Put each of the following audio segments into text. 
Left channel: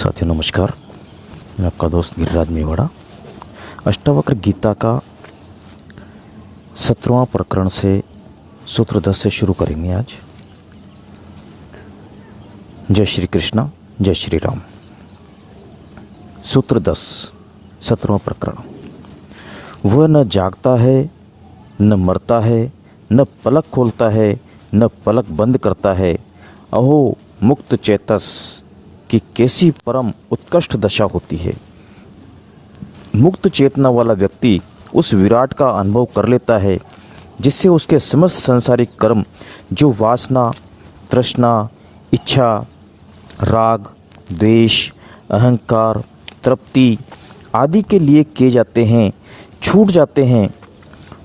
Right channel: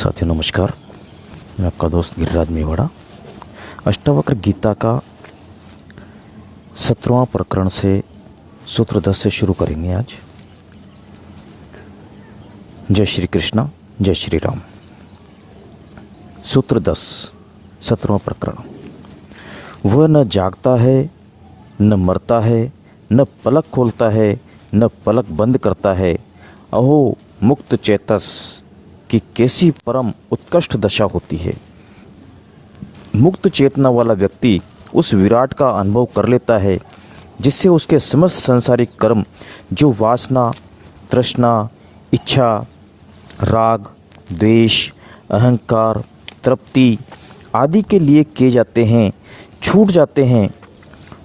साथियों नमस्कार, मैं आपका दोस्त गिरिराज मेवाड़ा। अष्टावक्र गीता का 17वां प्रकरण से सूत्र 10 से शुरू करेंगे आज। जय श्री कृष्ण, जय श्री राम। सूत्र 10, 17वां प्रकरण। वह न जागता है, न मरता है, न पलक खोलता है, न पलक बंद करता है। अहो मुक्त चेतस कि कैसी परम उत्कृष्ट दशा होती है। मुक्त चेतना वाला व्यक्ति उस विराट का अनुभव कर लेता है जिससे उसके समस्त सांसारिक कर्म जो वासना, तृष्णा, इच्छा, राग, द्वेष, अहंकार, तृप्ति आदि के लिए किए जाते हैं, छूट जाते हैं।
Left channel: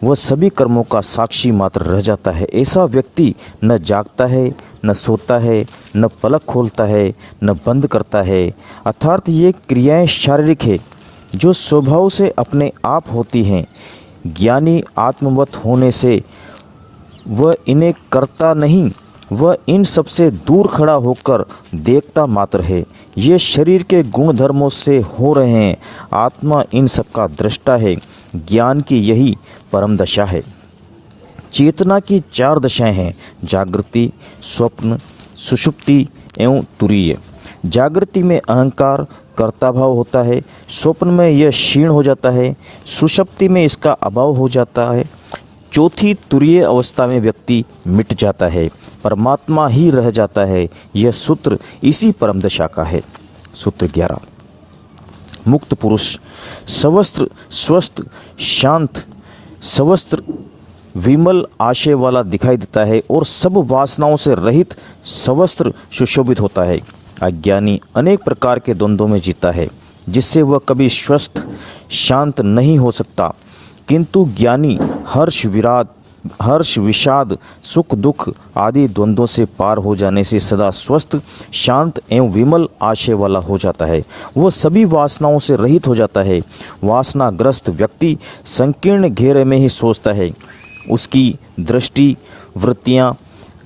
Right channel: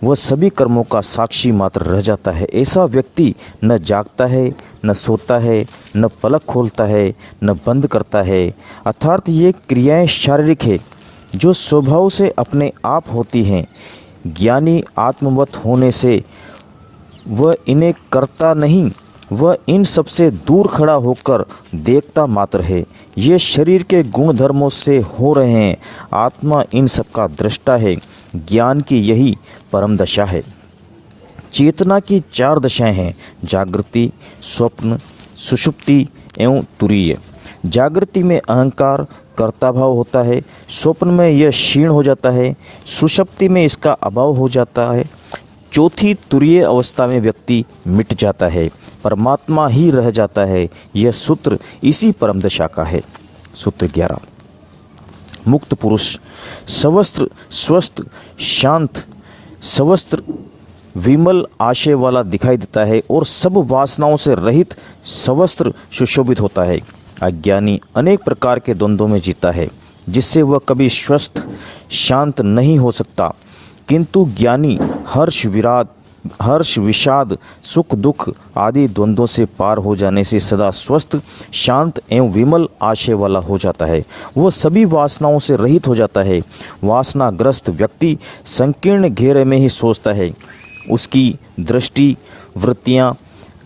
वह सभी कर्मों का साक्षी मात्र रह जाता है। ऐसा व्यक्ति न जागता है, न सोता है, न पलक खोलता है, न बंद करता है। अर्थात ये क्रियाएं शारीरिक है जो स्वभाव से अपने आप होती हैं। ज्ञानी आत्मवत होने से वह इन्हें करता नहीं, वह इन सब से दूर खड़ा होकर देखता मात्र है। ये शरीर के गुण धर्मों से हो रहे हैं, आत्मा इन सब का दृष्टा है। ज्ञान की यही परम दशा है। चेतना की 4 दशाएं हैं: जागृति, स्वप्न, सुषुप्ति एवं तुरीय। जागृति में अहंकार कर्ता भाव होता है, स्वप्न में यह क्षीण हो जाता है, सुषुप्ति में इसका अभाव हो जाता है, चौथी तुरीय अवस्था में व्यक्ति मिट जाता है, परमात्मा ही रह जाता है। यह सूत्र इसी परम दशा का है। सूत्र 11। मुक्त पुरुष सवस्त्र स्वस्थ, शांत, सवस्त्र विमल आशय वाला दिखाई देता है और सब वासनाओं से रहित सवस्त्र सुशोभित होता है। अज्ञानी अनेक प्रकार के द्वंद्वों में जीता है जिससे वह कभी स्वस्थ शांत नहीं हो सकता, किंतु ज्ञानी हर्ष विषाद सुख दुख आदि द्वंद्वों से पार हो जाने से सदा स्वस्थ शांत एवं विमल आशय वाला हो जाता है। वह सभी वासनाओं से रहित हो जाता है। वासनाग्रस्त व्यक्ति संकीर्ण घेरे में ही सोचता है। उसकी दृष्टि, वृत्तियां,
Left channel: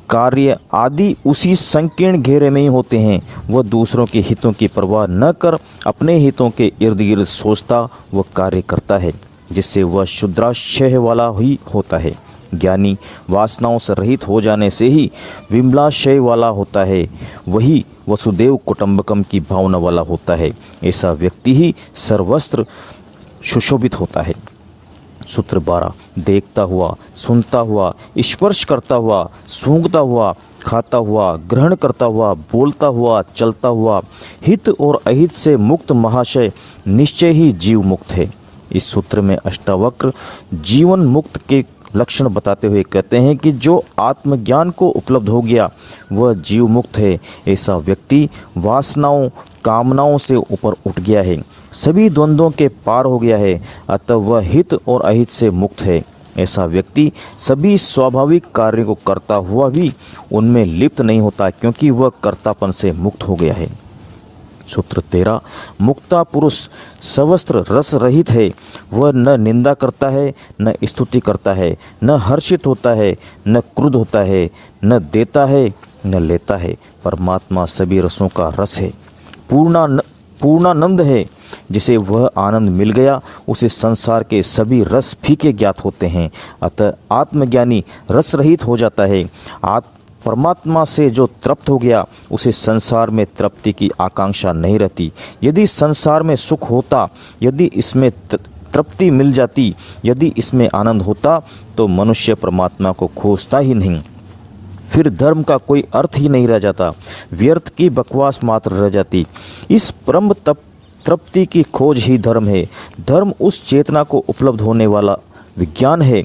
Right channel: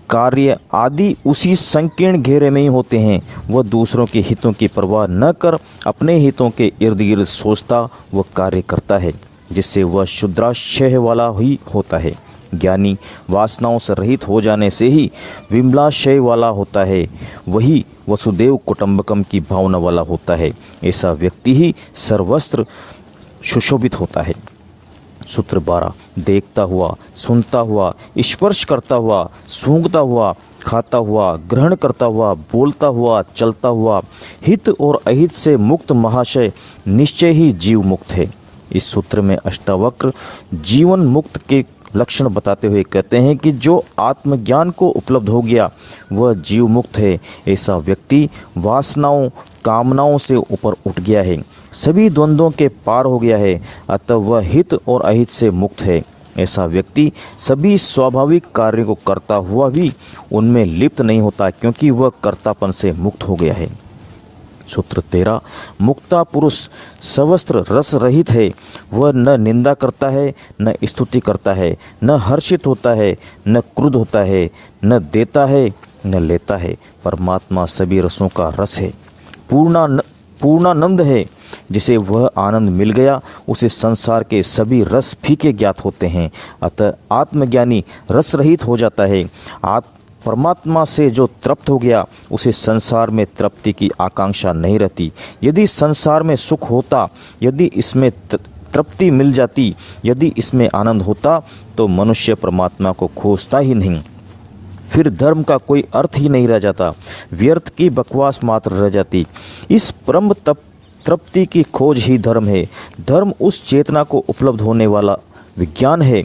कार्य आदि उसी संकीर्ण घेरे में ही होते हैं। वह दूसरों के हितों की परवाह न कर अपने हितों के इर्द गिर्द सोचता व कार्य करता है, जिससे वह शुद्राशय वाला ही होता है। ज्ञानी वासनाओं से रहित हो जाने से ही विमलाशय वाला होता है, वही वसुदेव कुटुंबकम की भावना वाला होता है। ऐसा व्यक्ति ही सर्वस्त्र सुशोभित होता है। सूत्र 12। देखता हुआ, सुनता हुआ, स्पर्श करता हुआ, सूंघता हुआ, खाता हुआ, ग्रहण करता हुआ, बोलता हुआ, चलता हुआ, हित और अहित से मुक्त महाशय निश्चय ही जीव मुक्त है। इस सूत्र में अष्टावक्र जीवन मुक्त के लक्षण बताते हुए कहते हैं कि जो आत्मज्ञान को उपलब्ध हो गया वह जीव मुक्त है। ऐसा व्यक्ति वासनाओं, कामनाओं से ऊपर उठ गया है, सभी द्वंद्वों के पार हो गया है, अतः वह हित और अहित से मुक्त है। ऐसा व्यक्ति सभी स्वाभाविक कार्यों को करता हुआ भी उनमें लिप्त नहीं होता, क्योंकि वह कर्तापन से मुक्त हो गया है। सूत्र 13। मुक्ता पुरुष सवस्त्र रस रहित है। वह न निंदा करता है, न स्तुति करता है, न हर्षित होता है, न क्रुद्ध होता है, न देता है, न लेता है। परमात्मा सभी रसों का रस है, पूर्णानंद है। जिसे वह आनंद मिल गया उसे संसार के सभी रस फीके ज्ञात होते हैं। अतः आत्मज्ञानी रस रहित हो जाता है। परमात्मा से जो तृप्त हो गया उसे संसार में तृप्ति की आकांक्षा नहीं रहती। यदि संसार में सुख होता, यदि इसमें तृप्ति मिल जाती, यदि इसमें आनंद होता, तो मनुष्य परमात्मा को खोजता ही नहीं। फिर धर्म का कोई अर्थ ही नहीं रह जाता, व्यर्थ की बकवास मात्र रह जाती। इस परम तृप्ति की खोज ही धर्म है। धर्म उस चेतना को उपलब्ध होने वाला विज्ञान है।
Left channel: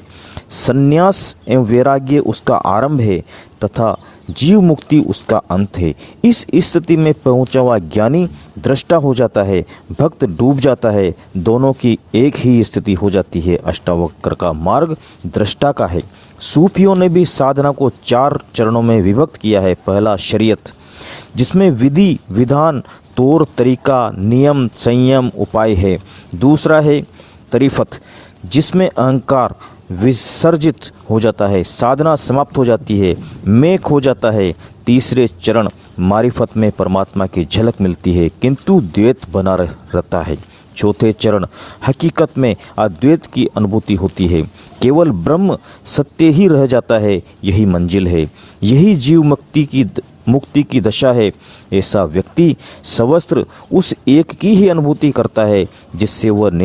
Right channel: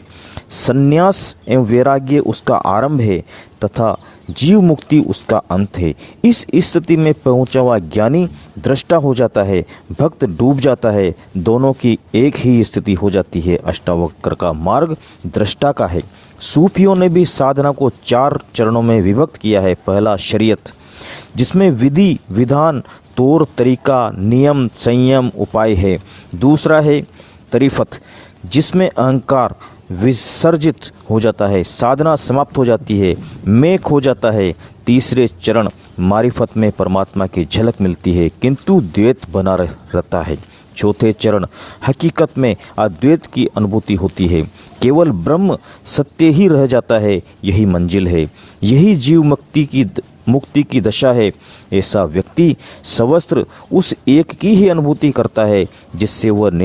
संन्यास एवं वैराग्य उसका आरंभ है तथा जीव मुक्ति उसका अंत है। इस स्थिति में पहुंचा हुआ ज्ञानी दृष्टा हो जाता है, भक्त डूब जाता है, दोनों की एक ही स्थिति हो जाती है। अष्टावक्र का मार्ग दृष्टा का है। सूफियों ने भी साधना को 4 चरणों में विभक्त किया है। पहला शरीयत, जिसमें विधि, विधान, तौर तरीका, नियम, संयम, उपाय है। दूसरा है तरीफत, जिसमें अहंकार, विसर्जित हो जाता है, साधना समाप्त हो जाती है, मैं खो जाता है। तीसरे चरण मारिफत में परमात्मा की झलक मिलती है किंतु द्वैत बना रहता है। चौथे चरण हकीकत में अद्वैत की अनुभूति होती है, केवल ब्रह्म सत्य ही रह जाता है। यही मंजिल है, यही जीव मुक्ति की दशा है। ऐसा व्यक्ति सवस्त्र उस एक की ही अनुभूति करता है जिससे वह न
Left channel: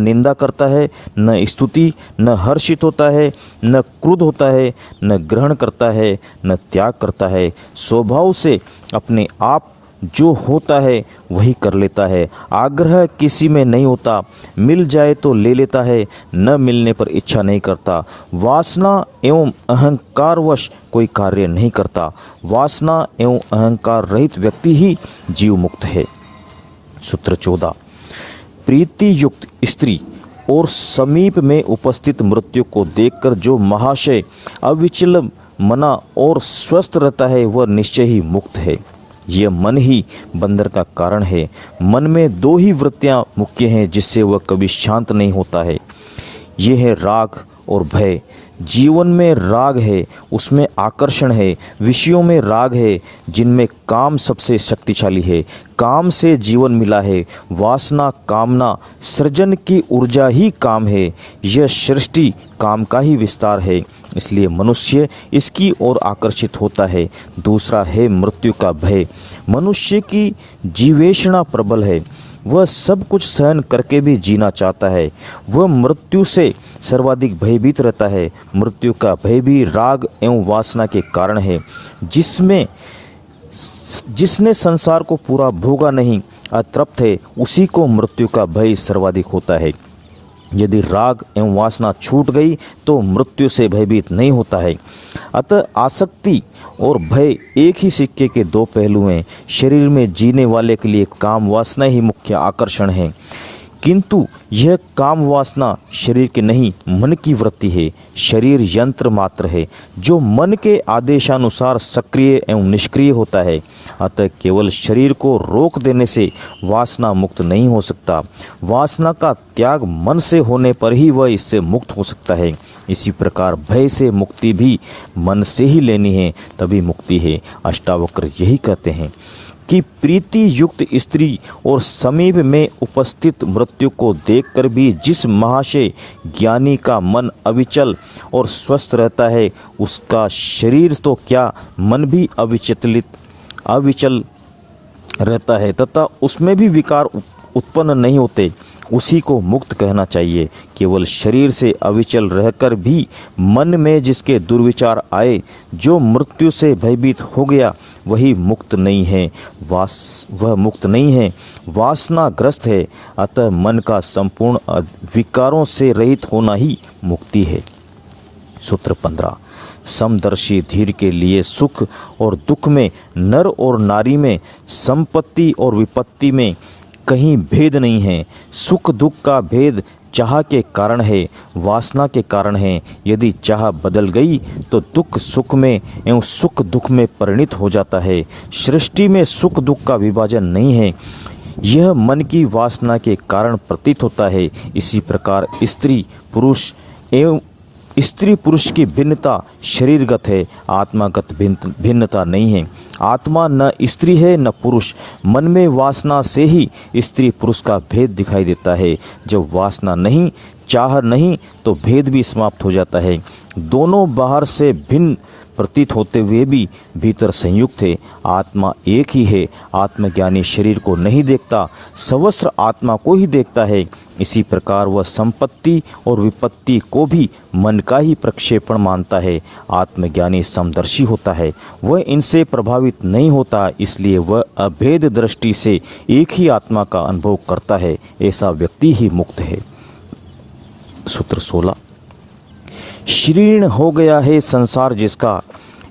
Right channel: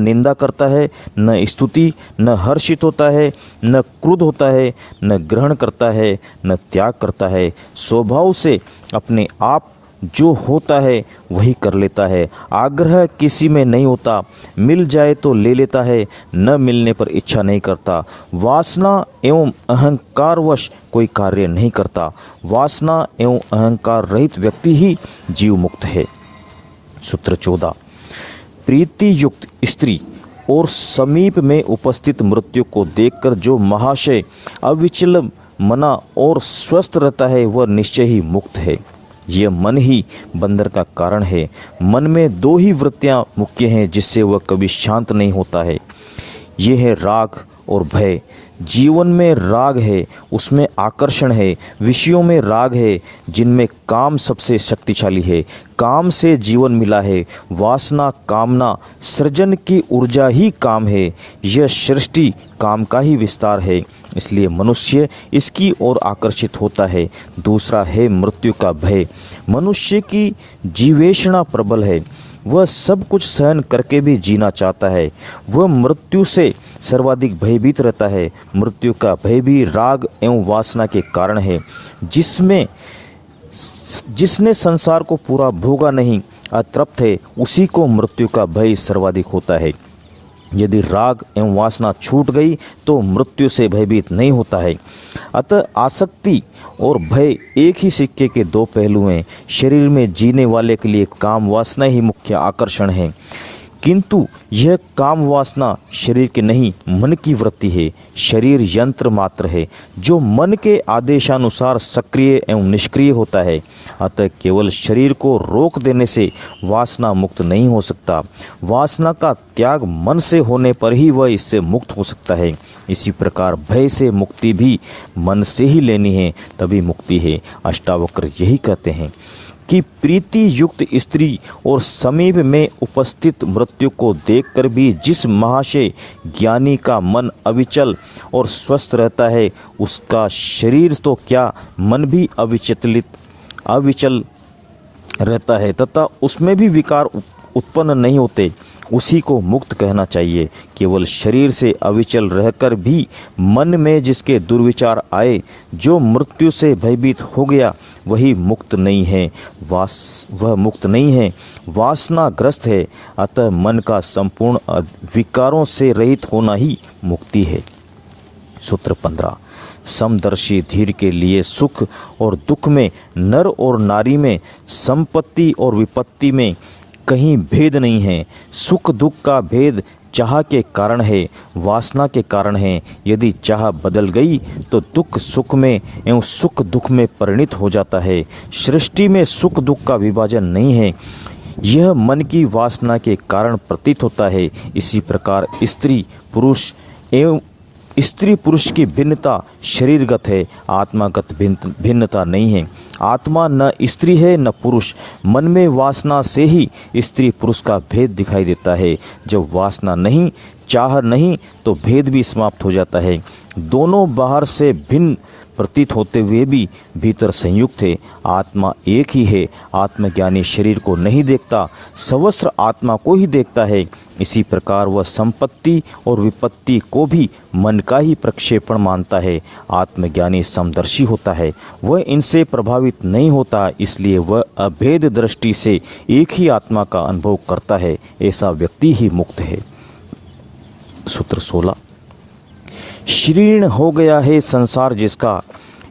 निंदा करता है, न स्तुति, न हर्षित होता है, न क्रोध होता है, न ग्रहण करता है, न त्याग करता है। स्वभाव से अपने आप जो होता है वही कर लेता है। आग्रह किसी में नहीं होता, मिल जाए तो ले लेता है, न मिलने पर इच्छा नहीं करता। वासना एवं अहंकारवश कोई कार्य नहीं करता। वासना एवं अहंकार रहित व्यक्ति ही जीव मुक्त है। सूत्र 14। प्रीति युक्त स्त्री और समीप में उपस्थित मृत्यु को देखकर जो महाशय अविचल मना और स्वस्थ रहता है वह निश्चय ही मुक्त है। यह मन ही बंधन का कारण है। मन में दो ही वृत्तियां मुख्य हैं जिससे वह कभी शांत नहीं होता है। यह है राग और भय। जीवन में राग है, उसमें आकर्षण है। विषयों में राग है जिनमें काम सबसे शक्तिशाली है। काम से जीवन मिला है। वासना, कामना, सृजन की ऊर्जा ही काम है। यह सृष्टि काम का ही विस्तार है, इसलिए मनुष्य इसकी ओर आकर्षित होता है। दूसरा है मृत्यु का भय। मनुष्य की जीवेषणा प्रबल है, वह सब कुछ सहन करके भी जीना चाहता है। वह मृत्यु से सर्वाधिक भयभीत रहता है। मृत्यु का भय भी राग एवं वासना के कारण है। जिसने संसार को पूरा भोगा नहीं, अतृप्त है, उसी को मृत्यु का भय सर्वाधिक होता है। यदि राग एवं वासना छूट गई तो मृत्यु से भयभीत नहीं होता है। अतः आसक्ति और भय एक ही सिक्के के दो पहलू हैं। शरीर में जीने वाले के लिए काम वासना ही मुख्य आकर्षण है, किंतु यह काम वासना शरीर के नहीं मन की वृत्ति है। शरीर यंत्र मात्र है जो मन के आदेशानुसार सक्रिय एवं निष्क्रिय होता है। अतः केवल शरीर को रोक देने से वासना मुक्त नहीं हो सकता। वासना का त्याग मन से होने पर ही वह इससे मुक्त हो सकता है। इसी प्रकार भय से मुक्ति भी मन से ही लेनी है, तभी मुक्ति है। अष्टावक्र यही कहते हैं कि प्रीति युक्त स्त्री और समीप में उपस्थित मृत्यु को देखकर भी जिस महाशय ज्ञानी का मन अविचल और स्वस्थ रहता है, उसका शरीर तो क्या मन भी अविचल रहता है तथा उसमें भी विकार उत्पन्न नहीं होते, उसी को मुक्त कहना चाहिए। केवल शरीर से अविचल रहकर भी मन में जिसके दुर्विचार आए, जो मृत्यु से भयभीत हो गया, वही मुक्त नहीं है। वह मुक्त नहीं है, वासनाग्रस्त है। अतः मन का संपूर्ण विकारों से रहित होना ही मुक्ति है। सूत्र 15। समदर्शी धीर के लिए सुख और दुख में, नर और नारी में, संपत्ति और विपत्ति में कहीं भेद नहीं है। सुख दुख का भेद चाह के कारण है, वासना के कारण है। यदि चाह बदल गई तो दुख सुख में एवं सुख दुख में परिणित हो जाता है। सृष्टि में सुख दुख का विभाजन नहीं है, यह मन की वासना के कारण प्रतीत होता है। इसी प्रकार स्त्री पुरुष की भिन्नता शरीरगत है, आत्मागत भिन्नता नहीं है। आत्मा न स्त्री है न पुरुष। मन में वासना से ही स्त्री पुरुष का भेद दिखाई देता है। जब वासना नहीं, चाह नहीं, तो भेद भी समाप्त हो जाता है। दोनों बाहर से भिन्न प्रतीत होते हुए भी भीतर संयुक्त है। आत्मा एक ही है। आत्मज्ञानी शरीर को नहीं देखता, सवस्त्र आत्मा को ही देखता है। इसी प्रकार वह संपत्ति और विपत्ति को भी मन का ही प्रक्षेपण मानता है। आत्मज्ञानी समदर्शी होता है, वह इनसे प्रभावित नहीं होता, इसलिए वह अभेद दृष्टि से एक ही आत्मा का अनुभव करता है। ऐसा व्यक्ति ही मुक्त है। सूत्र 16। शीर्ण हो गया है संसार जिसका,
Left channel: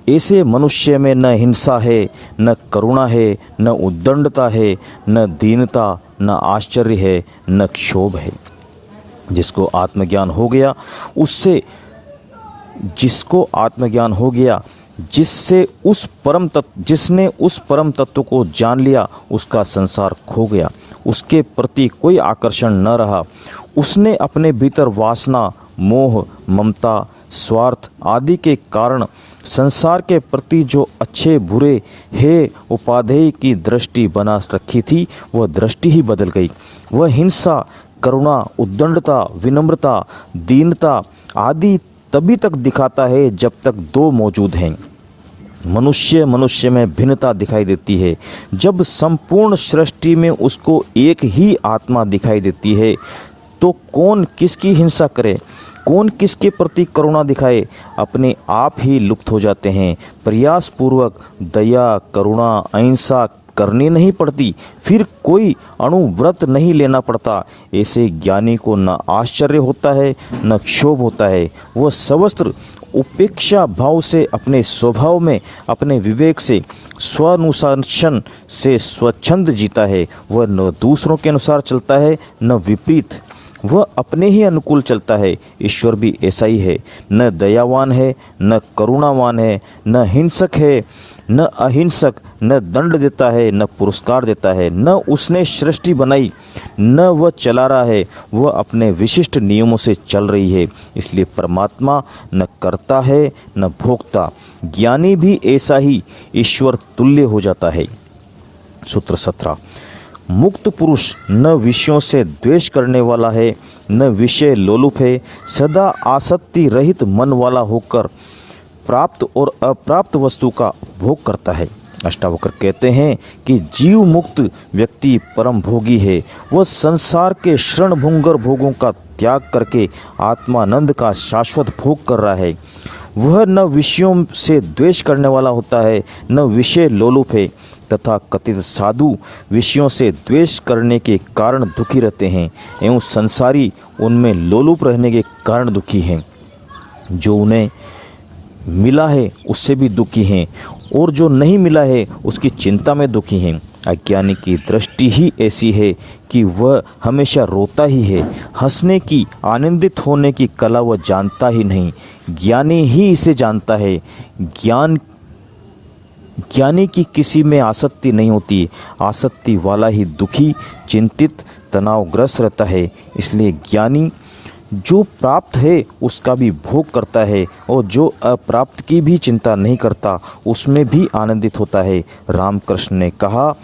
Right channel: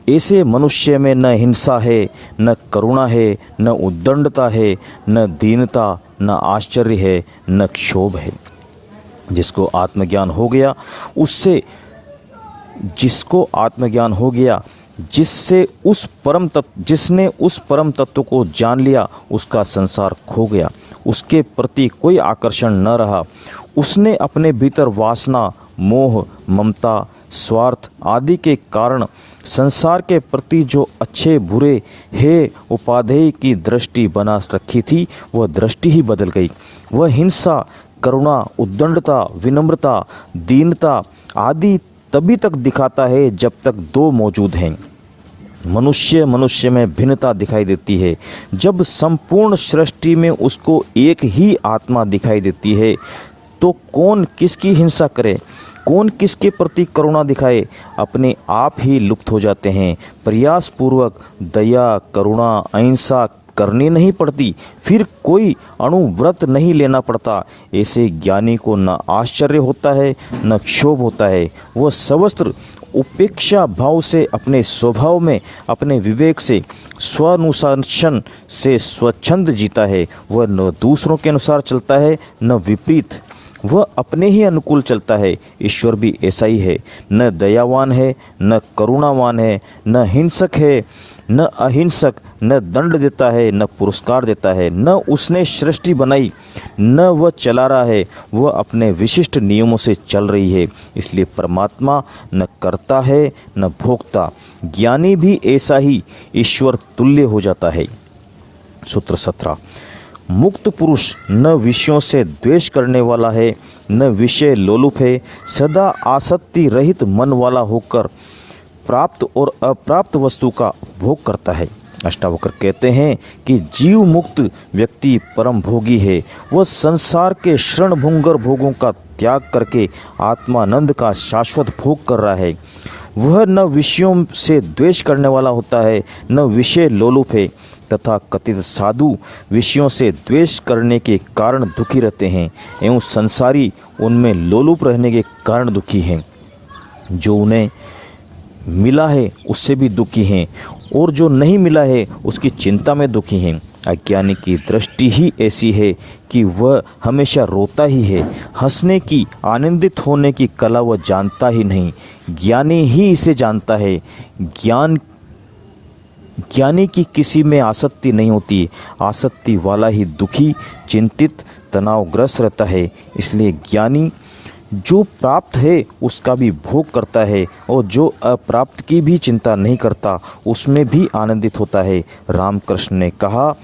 ऐसे मनुष्य में न हिंसा है, न करुणा है, न उद्दंडता है, न दीनता, न आश्चर्य है, न क्षोभ है। जिसको आत्मज्ञान हो गया, जिसने उस परम तत्व को जान लिया, उसका संसार खो गया। उसके प्रति कोई आकर्षण न रहा। उसने अपने भीतर वासना, मोह, ममता, स्वार्थ आदि के कारण संसार के प्रति जो अच्छे बुरे हे उपाधेय की दृष्टि बना रखी थी, वह दृष्टि ही बदल गई। वह हिंसा, करुणा, उद्दंडता, विनम्रता, दीनता आदि तभी तक दिखाता है जब तक दो मौजूद हैं। मनुष्य मनुष्य में भिन्नता दिखाई देती है। जब संपूर्ण सृष्टि में उसको एक ही आत्मा दिखाई देती है तो कौन किसकी हिंसा करे, कौन किसके प्रति करुणा दिखाए, अपने आप ही लुप्त हो जाते हैं। प्रयास पूर्वक दया, करुणा, अहिंसा करनी नहीं पड़ती, फिर कोई अणुव्रत नहीं लेना पड़ता। ऐसे ज्ञानी को न आश्चर्य होता है न क्षोभ होता है। वह सर्वत्र उपेक्षा भाव से अपने स्वभाव में, अपने विवेक से, स्वानुशासन से स्वच्छंद जीता है। वह न दूसरों के अनुसार चलता है न विपरीत, वह अपने ही अनुकूल चलता है। ईश्वर भी ऐसा ही है, न दयावान है न करुणावान है, न हिंसक है न अहिंसक, न दंड देता है न पुरस्कार देता है, न उसने सृष्टि बनाई न वह चला रहा है, वह अपने विशिष्ट नियमों से चल रही है। इसलिए परमात्मा न करता है न भोगता। ज्ञानी भी ऐसा ही ईश्वर तुल्य हो जाता है। सूत्र 17। मुक्त पुरुष न विषयों से द्वेष करने वाला है न विषय लोलुप है, सदा आसक्ति रहित मन वाला होकर प्राप्त और अप्राप्त वस्तु का भोग करता है। अष्टावक्र कहते हैं कि जीव मुक्त व्यक्ति परम भोगी है। वह संसार के क्षणभंगुर भोगों का त्याग करके आत्मानंद का शाश्वत भोग कर रहा है। वह न विषयों से द्वेष करने वाला होता है न विषय लोलुप है, तथा कथित साधु विषयों से द्वेष करने के कारण दुखी रहते हैं एवं संसारी उनमें लोलुप रहने के कारण दुखी हैं। जो उन्हें मिला है उससे भी दुखी हैं और जो नहीं मिला है उसकी चिंता में दुखी हैं। अज्ञानी की दृष्टि ही ऐसी है कि वह हमेशा रोता ही है, हंसने की, आनंदित होने की कला वह जानता ही नहीं। ज्ञानी ही इसे जानता है। ज्ञानी की किसी में आसक्ति नहीं होती। आसक्ति वाला ही दुखी, चिंतित, तनावग्रस्त रहता है। इसलिए ज्ञानी जो प्राप्त है उसका भी भोग करता है और जो अप्राप्त की भी चिंता नहीं करता, उसमें भी आनंदित होता है। रामकृष्ण ने कहा,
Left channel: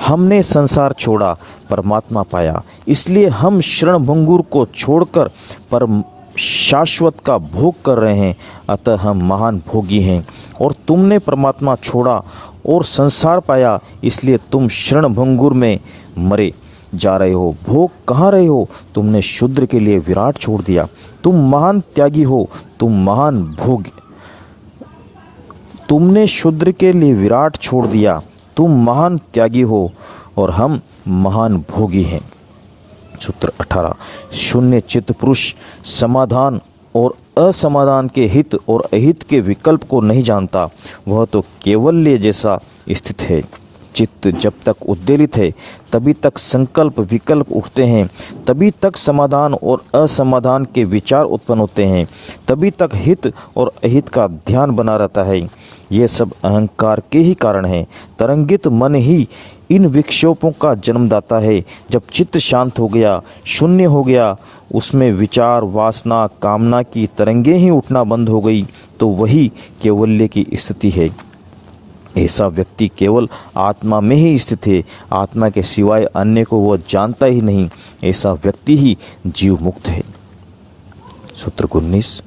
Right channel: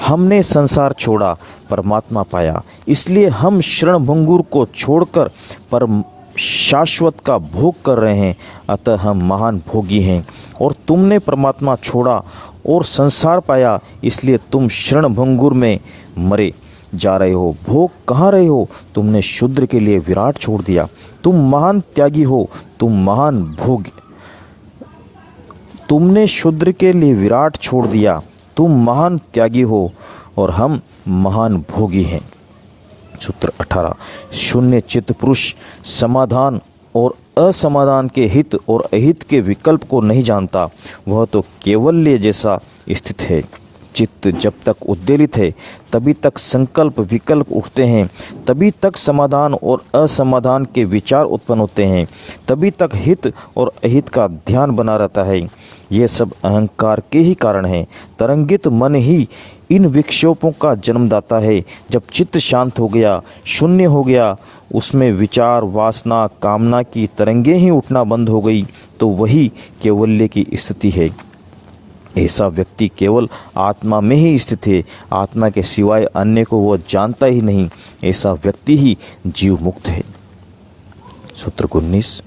हमने संसार छोड़ा, परमात्मा पाया, इसलिए हम क्षणभंगुर को छोड़कर परम शाश्वत का भोग कर रहे हैं, अतः हम महान भोगी हैं। और तुमने परमात्मा छोड़ा और संसार पाया, इसलिए तुम क्षणभंगुर में मरे जा रहे हो। भोग कहाँ रहे हो? तुमने शूद्र के लिए विराट छोड़ दिया। तुम महान त्यागी हो, तुम महान भोग। तुमने शूद्र के लिए विराट छोड़ दिया, तुम महान त्यागी हो और हम महान भोगी हैं। सूत्र 18। शून्य चित्त पुरुष समाधान और असमाधान के हित और अहित के विकल्प को नहीं जानता। वह तो केवल्य जैसा स्थित है। चित्त जब तक उद्वेलित है तभी तक संकल्प विकल्प उठते हैं, तभी तक समाधान और असमाधान के विचार उत्पन्न होते हैं, तभी तक हित और अहित का ध्यान बना रहता है। ये सब अहंकार के ही कारण है। तरंगित मन ही इन विक्षोभों का जन्मदाता है। जब चित्त शांत हो गया, शून्य हो गया, उसमें विचार, वासना, कामना की तरंगें ही उठना बंद हो गई, तो वही केवल्य की स्थिति है। ऐसा व्यक्ति केवल आत्मा में ही स्थित है। आत्मा के सिवाय अन्य को वह जानता ही नहीं। ऐसा व्यक्ति ही जीव मुक्त है। सूत्र 19।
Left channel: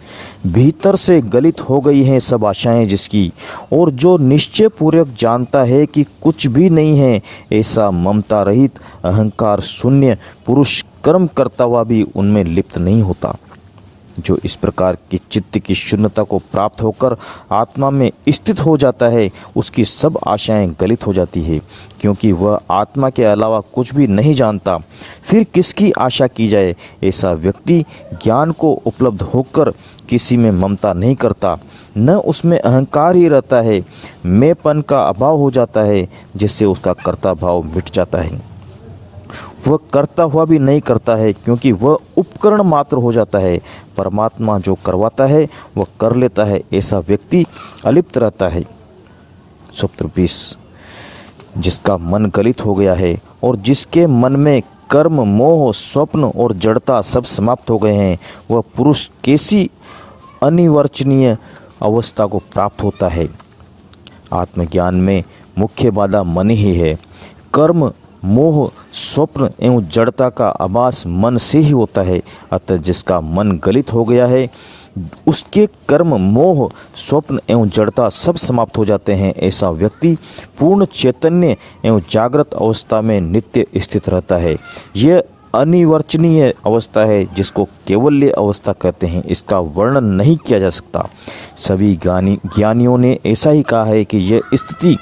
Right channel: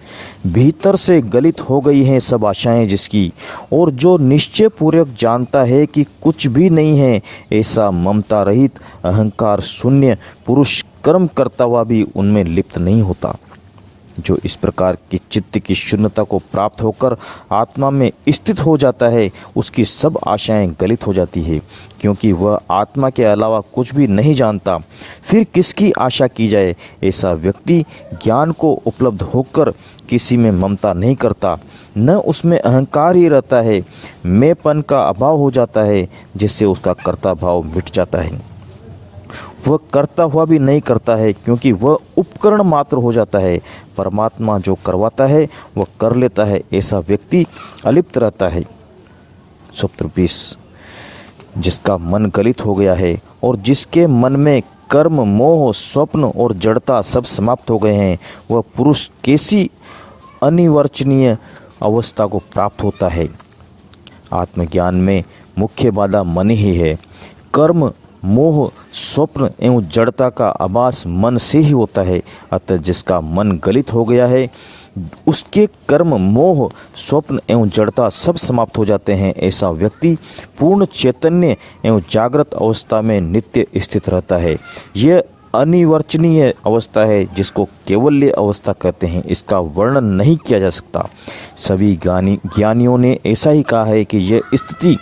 भीतर से गलित हो गई हैं सब आशाएं जिसकी, और जो निश्चय पूर्वक जानता है कि कुछ भी नहीं है, ऐसा ममता रहित अहंकार शून्य पुरुष कर्म करता हुआ भी उनमें लिप्त नहीं होता। जो इस प्रकार की चित्त की शून्यता को प्राप्त होकर आत्मा में स्थित हो जाता है, उसकी सब आशाएं गलित हो जाती है, क्योंकि वह आत्मा के अलावा कुछ भी नहीं जानता। फिर किसकी आशा की जाए? ऐसा व्यक्ति ज्ञान को उपलब्ध होकर किसी में ममता नहीं करता, न उसमें अहंकार ही रहता है। मैंपन का अभाव हो जाता है, जिससे उसका कर्ता भाव मिट जाता है। वह करता हुआ भी नहीं करता है, क्योंकि वह उपकरण मात्र हो जाता है। परमात्मा जो करवाता है वह कर लेता है। ऐसा व्यक्ति अलिप्त रहता है। सूत्र 20। जिसका मन गलित हो गया है और जिसके मन में कर्म, मोह, स्वप्न और जड़ता सब समाप्त हो गए हैं, वह पुरुष कैसी अनिवर्चनीय अवस्था को प्राप्त होता है। आत्मज्ञान में मुख्य बाधा मन ही है। कर्म, मोह, स्वप्न एवं जड़ता का आभास मन से ही होता है। अतः जिसका मन गलित हो गया है उसके कर्म, मोह, स्वप्न एवं जड़ता सब समाप्त हो जाते हैं। ऐसा व्यक्ति पूर्ण चैतन्य एवं जागृत अवस्था में नित्य स्थित रहता है। यह अनिवर्चनीय अवस्था है जिसको केवल्य अवस्था कहते हैं। इसका वर्णन नहीं किया जा सकता। सभी ज्ञानियों ने ऐसा ही कहा है कि यह स्थिति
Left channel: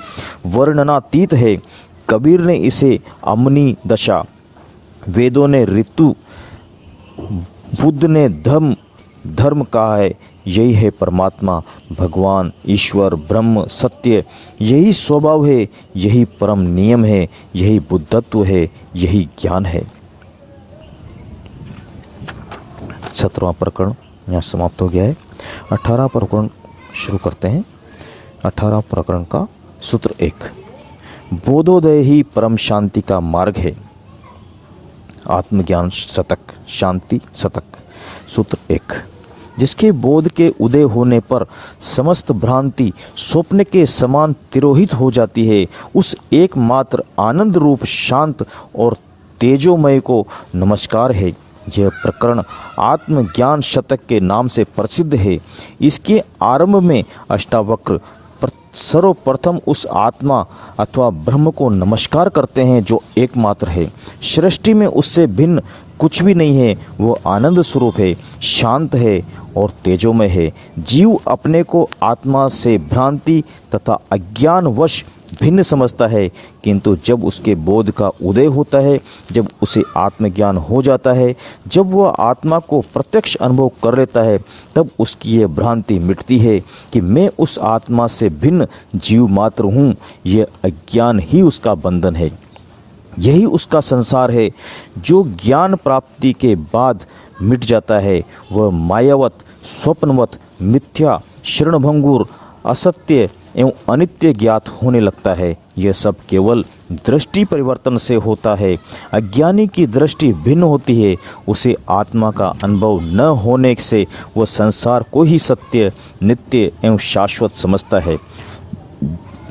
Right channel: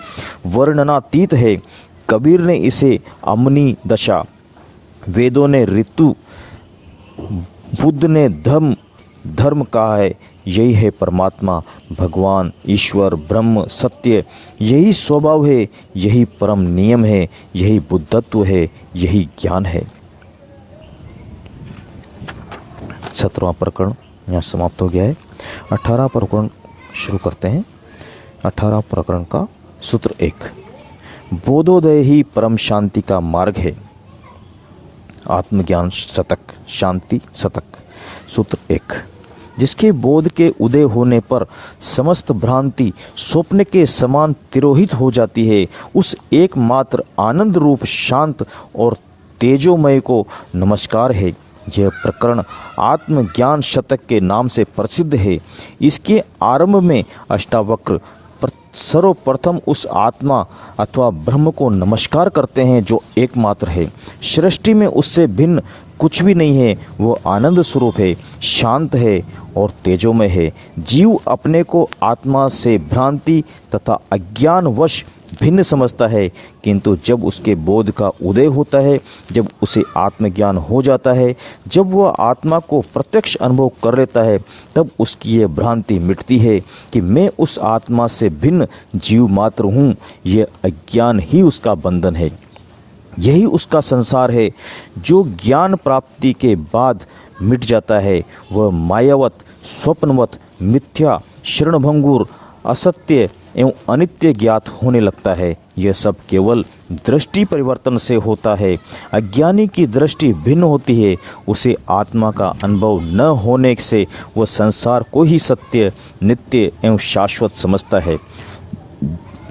वर्णनातीत है। कबीर ने इसे अमनी दशा, वेदों ने ऋतु, बुद्ध ने धर्म कहा है। यही है परमात्मा, भगवान, ईश्वर, ब्रह्म, सत्य। यही स्वभाव है, यही परम नियम है, यही बुद्धत्व है, यही ज्ञान है। 17वां प्रकरण यहाँ समाप्त हो गया है। 18वां प्रकरण शुरू करते हैं। 18वां प्रकरण का सूत्र 1, बोधोदय ही परम शांति का मार्ग है। आत्मज्ञान शतक, शांति शतक। सूत्र 1, जिसके बोध के उदय होने पर समस्त भ्रांति स्वप्न के समान तिरोहित हो जाती है, उस एकमात्र आनंद रूप शांत और तेजोमय को नमस्कार है। यह प्रकरण आत्मज्ञान शतक के नाम से प्रसिद्ध है। इसके आरंभ में अष्टावक्र सर्वप्रथम उस आत्मा अथवा ब्रह्म को नमस्कार करते हैं जो एकमात्र है। सृष्टि में उससे भिन्न कुछ भी नहीं है। वो आनंद स्वरूप है, शांत है और तेजोमय है। जीव अपने को आत्मा से भ्रांति तथा अज्ञानवश भिन्न समझता है, किंतु जब उसके बोध का उदय होता है, जब उसे आत्मज्ञान हो जाता है, जब वह आत्मा को प्रत्यक्ष अनुभव कर लेता है, तब उसकी यह भ्रांति मिटती है कि मैं उस आत्मा से भिन्न जीव मात्र हूँ। यह अज्ञान ही उसका बंधन है, यही उसका संसार है जो ज्ञान प्राप्ति के बाद मिट जाता है। वह मायावत, स्वप्नवत, मिथ्या, शरणभंगुर, असत्य एवं अनित्य ज्ञात होने लगता है। यह सब केवल दृष्टि परिवर्तन से होता है। अज्ञानी की दृष्टि भिन्न होती है। उसे आत्मा का अनुभव न होने से वह संसार को ही सत्य, नित्य एवं शाश्वत समझता है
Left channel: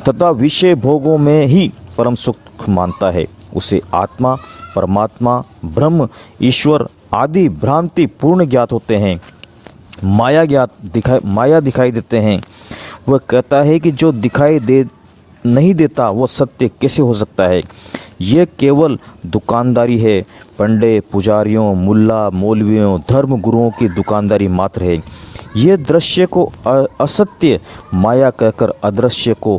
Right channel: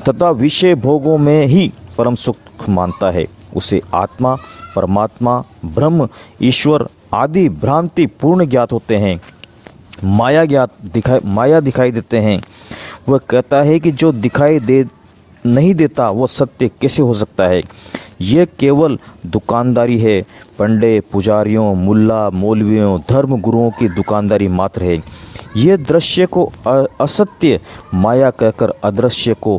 तथा विषय भोगों में ही परम सुख मानता है। उसे आत्मा, परमात्मा, ब्रह्म, ईश्वर आदि भ्रांति पूर्ण ज्ञात होते हैं। माया दिखाई देते हैं। वह कहता है कि जो दिखाई नहीं देता वो सत्य कैसे हो सकता है। ये केवल दुकानदारी है। पंडे, पुजारियों, मुल्ला, मौलवियों, धर्म गुरुओं की दुकानदारी मात्र है। ये दृश्य को असत्य माया कहकर अदृश्य को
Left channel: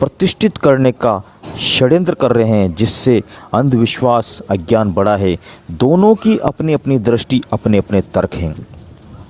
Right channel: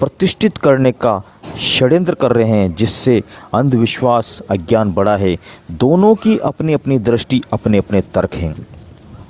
प्रतिष्ठित करने का षड्यंत्र कर रहे हैं, जिससे अंधविश्वास, अज्ञान बढ़ा है। दोनों की अपनी अपनी दृष्टि, अपने अपने तर्क हैं।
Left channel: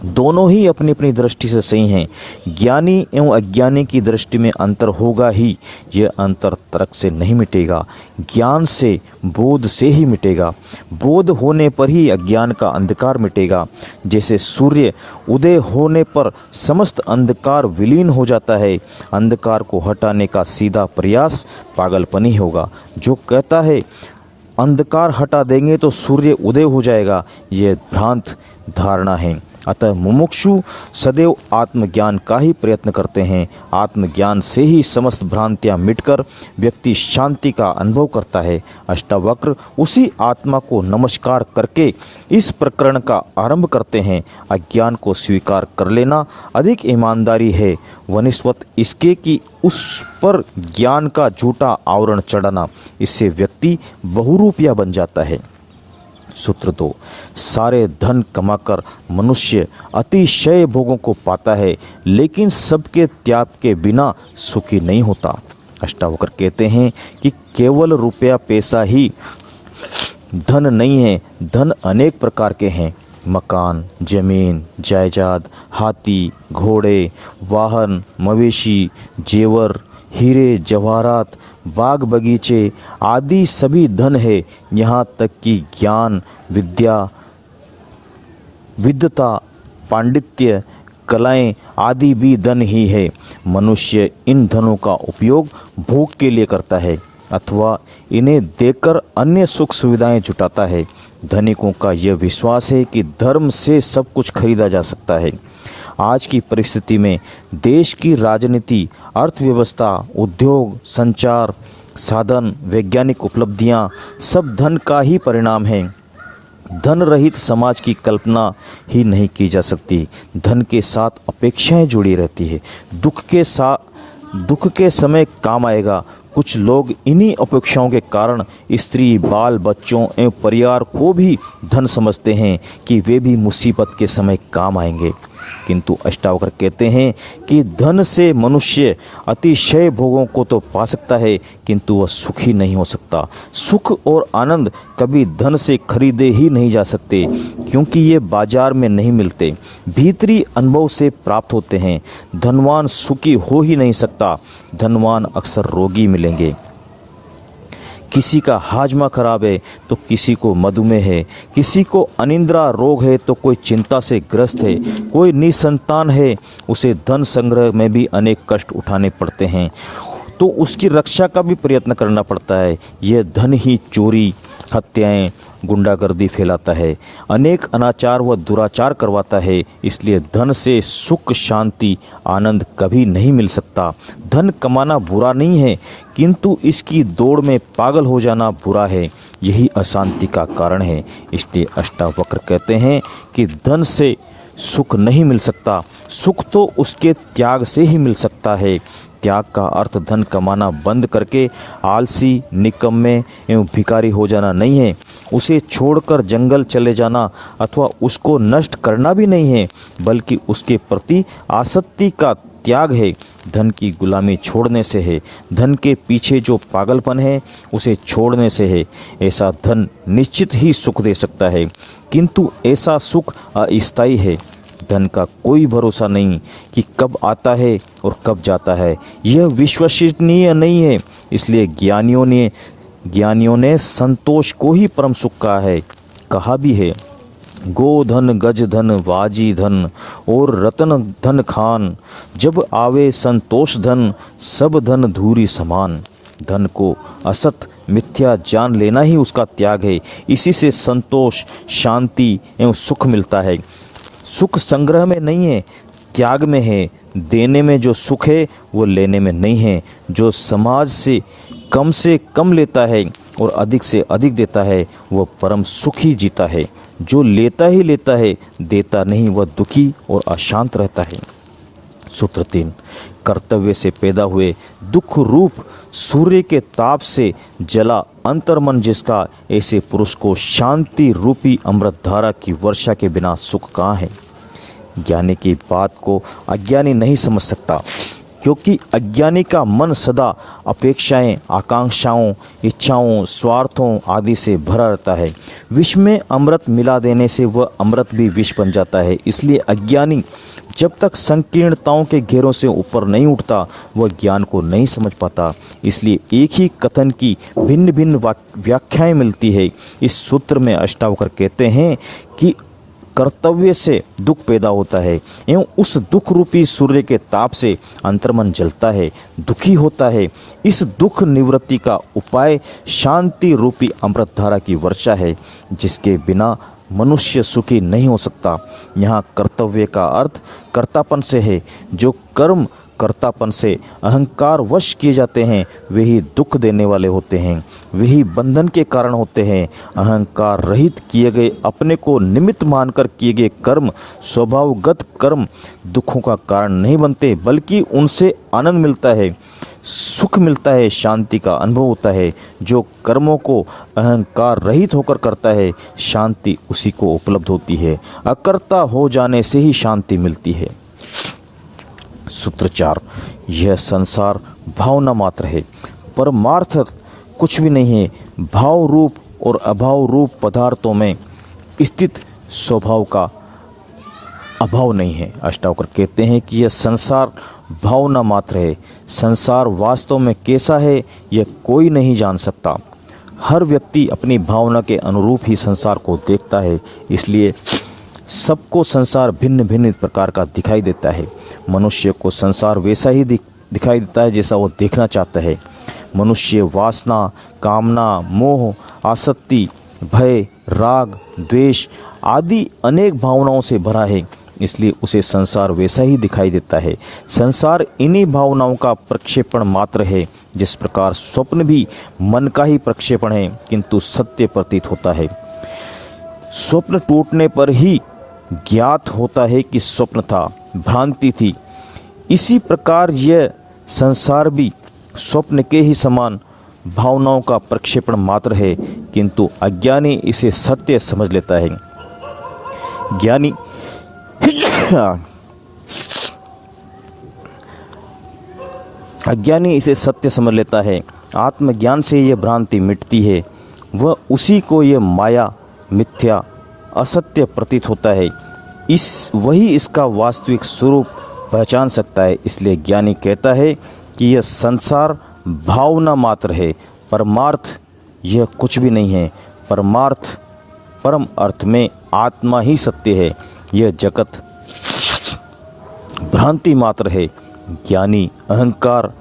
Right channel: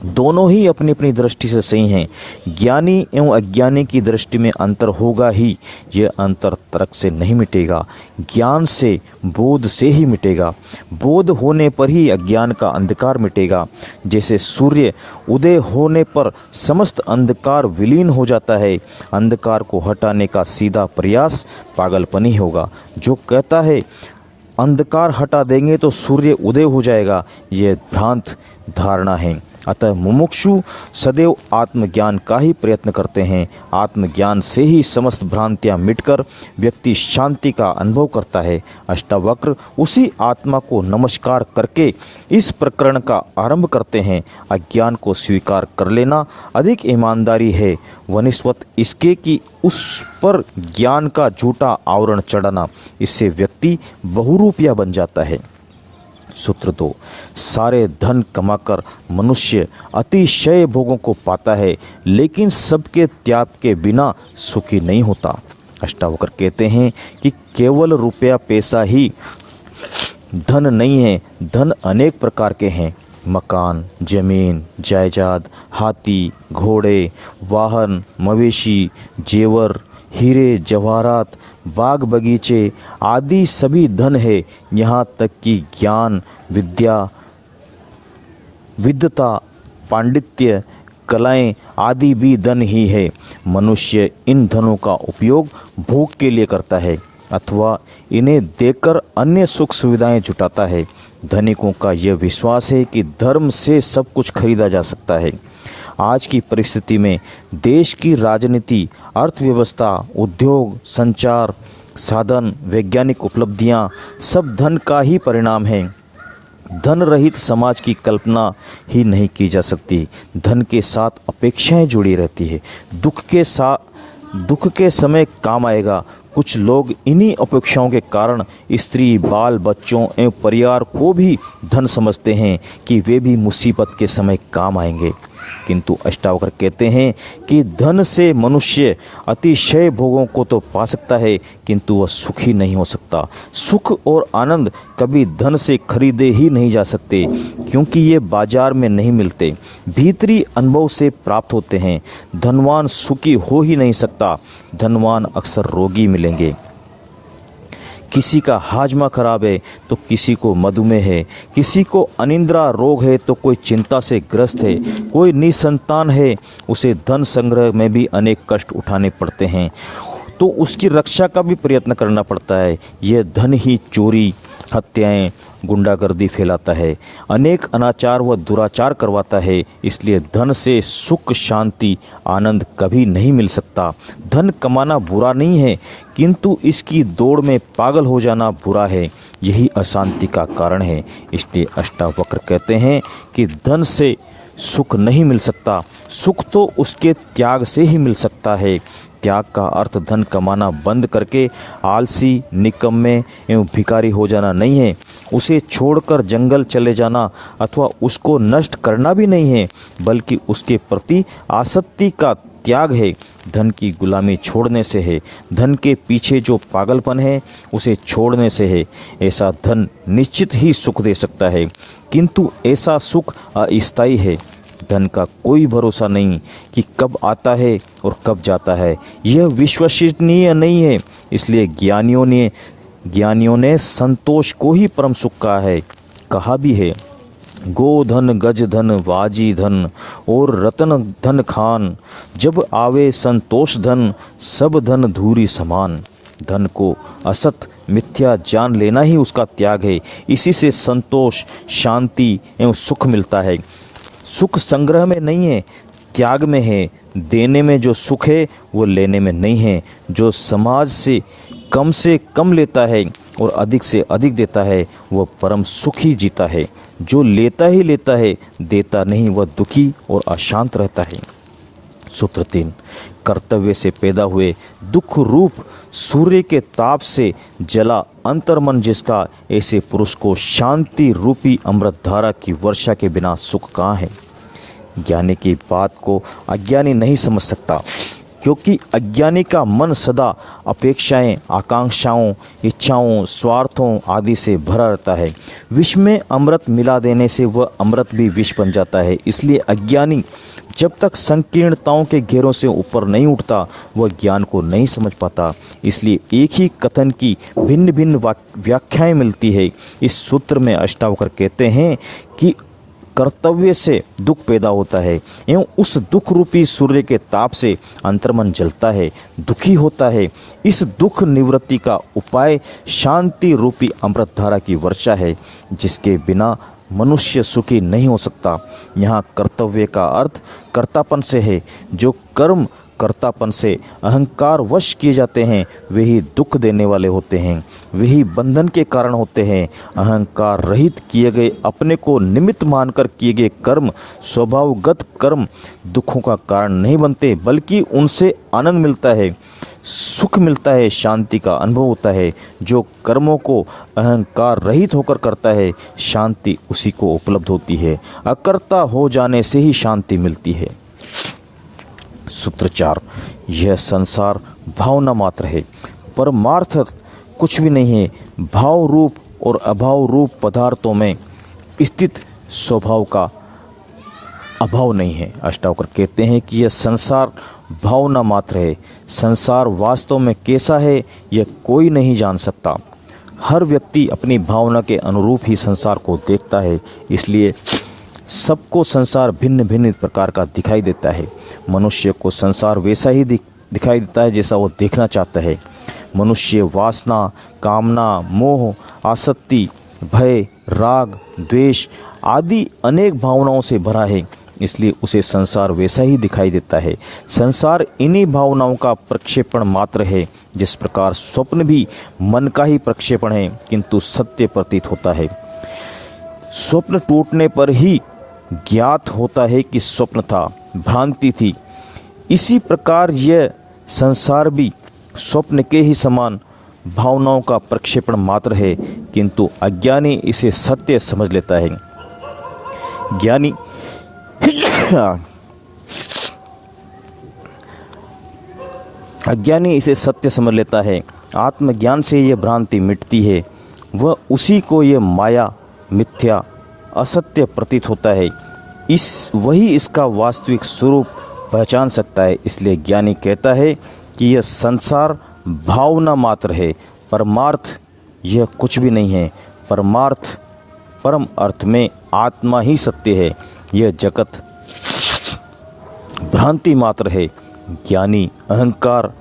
दोनों ही अपनी अपनी दृष्टि से सही हैं। ज्ञानी एवं अज्ञानी की दृष्टि में अंतर होगा ही। यह अंतर तर्क से नहीं मिटेगा, ज्ञान से, बोध से ही मिटेगा। बोध होने पर ही अज्ञान का अंधकार मिटेगा। जैसे सूर्य उदय होने पर समस्त अंधकार विलीन हो जाता है। अंधकार को हटाने का सीधा प्रयास पागलपन ही होगा। जो कहता है अंधकार हटा देंगे तो सूर्य उदय हो जाएगा, यह भ्रांत धारणा है। अतः मुमुक्षु सदैव आत्मज्ञान का ही प्रयत्न करते हैं। आत्मज्ञान से ही समस्त भ्रांतियां मिटकर व्यक्ति शांति का अनुभव करता है। अष्टावक्र उसी आत्मा को नमस्कार करके इस प्रकरण का आरंभ करते हैं। अज्ञान को स्वीकार कर लेना अधिक ईमानदारी है वनिस्वत इसके कि उस पर ज्ञान का झूठा आवरण चढ़ाना। इससे व्यक्ति बहुरूपिया बन जाता है। सूत्र 2, सारे धन कमाकर मनुष्य अतिशय भोगों को पाता है, लेकिन सबके त्याग के बिना सुखी नहीं होता। अष्टावक्र कहते हैं कि केवल रुपया पैसा ही धन नहीं है। धन अनेक प्रकार के हैं। मकान, जमीन, जायदाद, हाथी, घोड़े, वाहन, मवेशी, जेवर, हीरे जवाहरात, बाग बगीचे आदि सभी धन है। यहाँ तक कि ज्ञान, विद्वता, पांडित्य, कलाएं आदि भी धन ही है। मनुष्य इन धनों का उपयोग भोग के लिए करता है। अथवा इन्हें देकर अन्य सुख सुविधाएं जुटाता है। धनिकों का यह विश्वास है कि धर्म से सब कुछ खरीदा जा सकता है। आज की परिस्थिति में देश की राजनीति, अर्थव्यवस्था, उद्योग, संचार साधन, वैज्ञानिक उपलब्धियां सब धन का ही परिणाम है। धन रहित समाज की कल्पना ही नहीं की जा सकती। धन के साथ अपेक्षाएं जुड़ी रहती है। दुख के समय काम आएगा। कुछ लोग इन्हीं अपेक्षाओं के कारण स्त्री, बाल बच्चों एवं परिवार को भी धन समझते हैं कि वे भी मुसीबत के समय काम आएंगे। किंतु अष्टावक्र कहते हैं कि धन से मनुष्य अतिशय भोगों को तो पा सकता है, किंतु वह सुखी नहीं हो सकता। सुख और आनंद कभी धन से खरीदे ही नहीं जा सकते, क्योंकि ये बाजार में नहीं मिलते, भीतरी अनुभव से प्राप्त होते हैं। धनवान सुखी हो ही नहीं सकता। धनवान अक्सर रोगी मिलेंगे। किसी का हाजमा खराब है तो किसी को मधुमेह है, किसी को अनिद्रा रोग है तो कोई चिंता से ग्रस्त है, कोई निसंतान है, उसे धन संग्रह में भी अनेक कष्ट उठाने पड़ते हैं, तो उसकी रक्षा का भी प्रयत्न करना पड़ता है। यह धन ही चोरी, हत्याएं, गुंडागर्दी फैलाता है, अनेक अनाचार व दुराचार करवाता है। इसलिए धन से सुख, शांति, आनंद कभी नहीं मिल सकता। धन कमाना बुरा नहीं है, किंतु इसकी दौड़ में पागल हो जाना बुरा है। यही अशांति का कारण है। इसलिए अष्टावक्र कहते हैं कि धन से सुख नहीं मिल सकता, सुख तो उसके त्याग से ही मिल सकता है। त्याग का अर्थ धन कमाना बंद करके आलसी, निकम्मे एवं भिखारी हो जाना नहीं है। उसे छोड़कर जंगल चले जाना अथवा उसको नष्ट करना भी नहीं है, बल्कि उसके प्रति आसक्ति का त्याग है। धन की गुलामी छोड़ने से है। धन के पीछे जो पागलपन है उसे छोड़ने से है। ऐसा धन निश्चित ही सुख दे सकता है, किंतु ऐसा सुख अस्थायी है। धन का कोई भरोसा नहीं कि कब आता है और कब जाता है। यह विश्वसनीय नहीं है। इसलिए ज्ञानियों ने संतोष को ही परम सुख कहा भी है। गोधन, गज धन, वाजी धन और रतन धन खान, जब आवे संतोष धन, सब धन धूरी समान। धन को असत, मिथ्या जान लेना ही उसका त्याग है। इसी से संतोष, शांति एवं सुख मिलता है। सुख संग्रह में नहीं है, त्याग में है। देने में जो सुख है वो लेने में नहीं है। जो समाज से कम लेता है और अधिक से अधिक देता है, वह परम सुखी जीता है। जो लेता ही लेता है, देता नहीं, वह दुखी और अशांत रहता है। सूत्र 3, कर्तव्य से पैदा हुए दुख रूप सूर्य के ताप से जला अंतर्मन जिसका, ऐसे पुरुष को शांति रूपी अमृत धारा की वर्षा के बिना सुख कहाँ है। ज्ञानी की बात को अज्ञानी नहीं समझ सकता, क्योंकि अज्ञानी का मन सदा अपेक्षाएं, आकांक्षाओं, इच्छाओं, स्वार्थों आदि से भरा रहता है। विष में अमृत मिला देने से वह अमृत भी विष बन जाता है। इसलिए अज्ञानी जब तक संकीर्णताओं के घेरों से ऊपर नहीं उठता, वह ज्ञान को नहीं समझ पाता। इसलिए एक ही कथन की भिन्न भिन्न व्याख्याएं मिलती है। इस सूत्र में अष्टावक्र कहते हैं कि कर्तव्य से दुख पैदा होता है एवं उस दुख रूपी सूर्य के ताप से अंतर्मन जलता है, दुखी होता है। इस दुख निवृत्ति का उपाय शांति रूपी अमृत धारा की वर्षा है, जिसके बिना मनुष्य सुखी नहीं हो सकता। यहाँ कर्तव्य का अर्थ कर्तापन से है। जो कर्म कर्तापन से अहंकार वश किए जाते हैं, वे ही दुख देने वाले होते हैं, वे ही बंधन के कारण होते हैं। अहंकार रहित किए गए, अपने को निमित्त मानकर किए गए कर्म, स्वभावगत कर्म दुखों का कारण नहीं बनते, बल्कि उनसे आनंद मिलता है, सुख मिलता है, शांति का अनुभव होता है। जो कर्मों को अहंकार रहित होकर करता है, शांति उसी को उपलब्ध होती है। अकर्ता हो जाने से ही शांति मिलती है। सूत्र 4, यह संसार भावना मात्र है, परमार्थ कुछ भी नहीं है। भाव रूप और अभाव रूप पदार्थों में स्थित स्वभाव का अभाव नहीं है। अष्टावक्र कहते हैं कि यह संसार भावना मात्र है। संसार वास्तव में कैसा है यह कोई नहीं जान सकता। हर व्यक्ति अपनी भावना के अनुरूप ही संसार को देखता है, इसलिए सबको संसार भिन्न भिन्न प्रकार का दिखाई देता है। मनुष्य को संसार वैसा ही दिखाई देता है जैसा वो देखना चाहता है। मनुष्य वासना, कामना, मोह, आसक्ति, भय, राग, द्वेष आदि अनेक भावनाओं से भरा है, इसलिए उसे संसार वैसा ही दिखाई देता है। संसार इन्हीं भावनाओं का प्रक्षेपण मात्र है। जिस प्रकार स्वप्न भी मन का ही प्रक्षेपण है, किंतु सत्य प्रतीत होता है। स्वप्न टूटने पर ही ज्ञात होता है कि स्वप्न था, भ्रांति थी। इसी प्रकार यह संसार भी स्वप्न के ही समान भावनाओं का प्रक्षेपण मात्र है, किंतु अज्ञानी इसे सत्य समझ लेता है। ज्ञानी अज्ञानी इसे सत्य समझ लेता है। आत्मज्ञान से यह भ्रांति मिटती है। वह उसी को यह माया, मिथ्या, असत्य प्रतीत होता है। वही इसका वास्तविक स्वरूप पहचान सकता है। इसलिए ज्ञानी कहता है कि यह संसार भावना मात्र है, परमार्थ यह कुछ भी नहीं है। परमार्थ, परम अर्थ में आत्मा ही सत्य है। यह जगत भ्रांति मात्र है। ज्ञानी अहंकार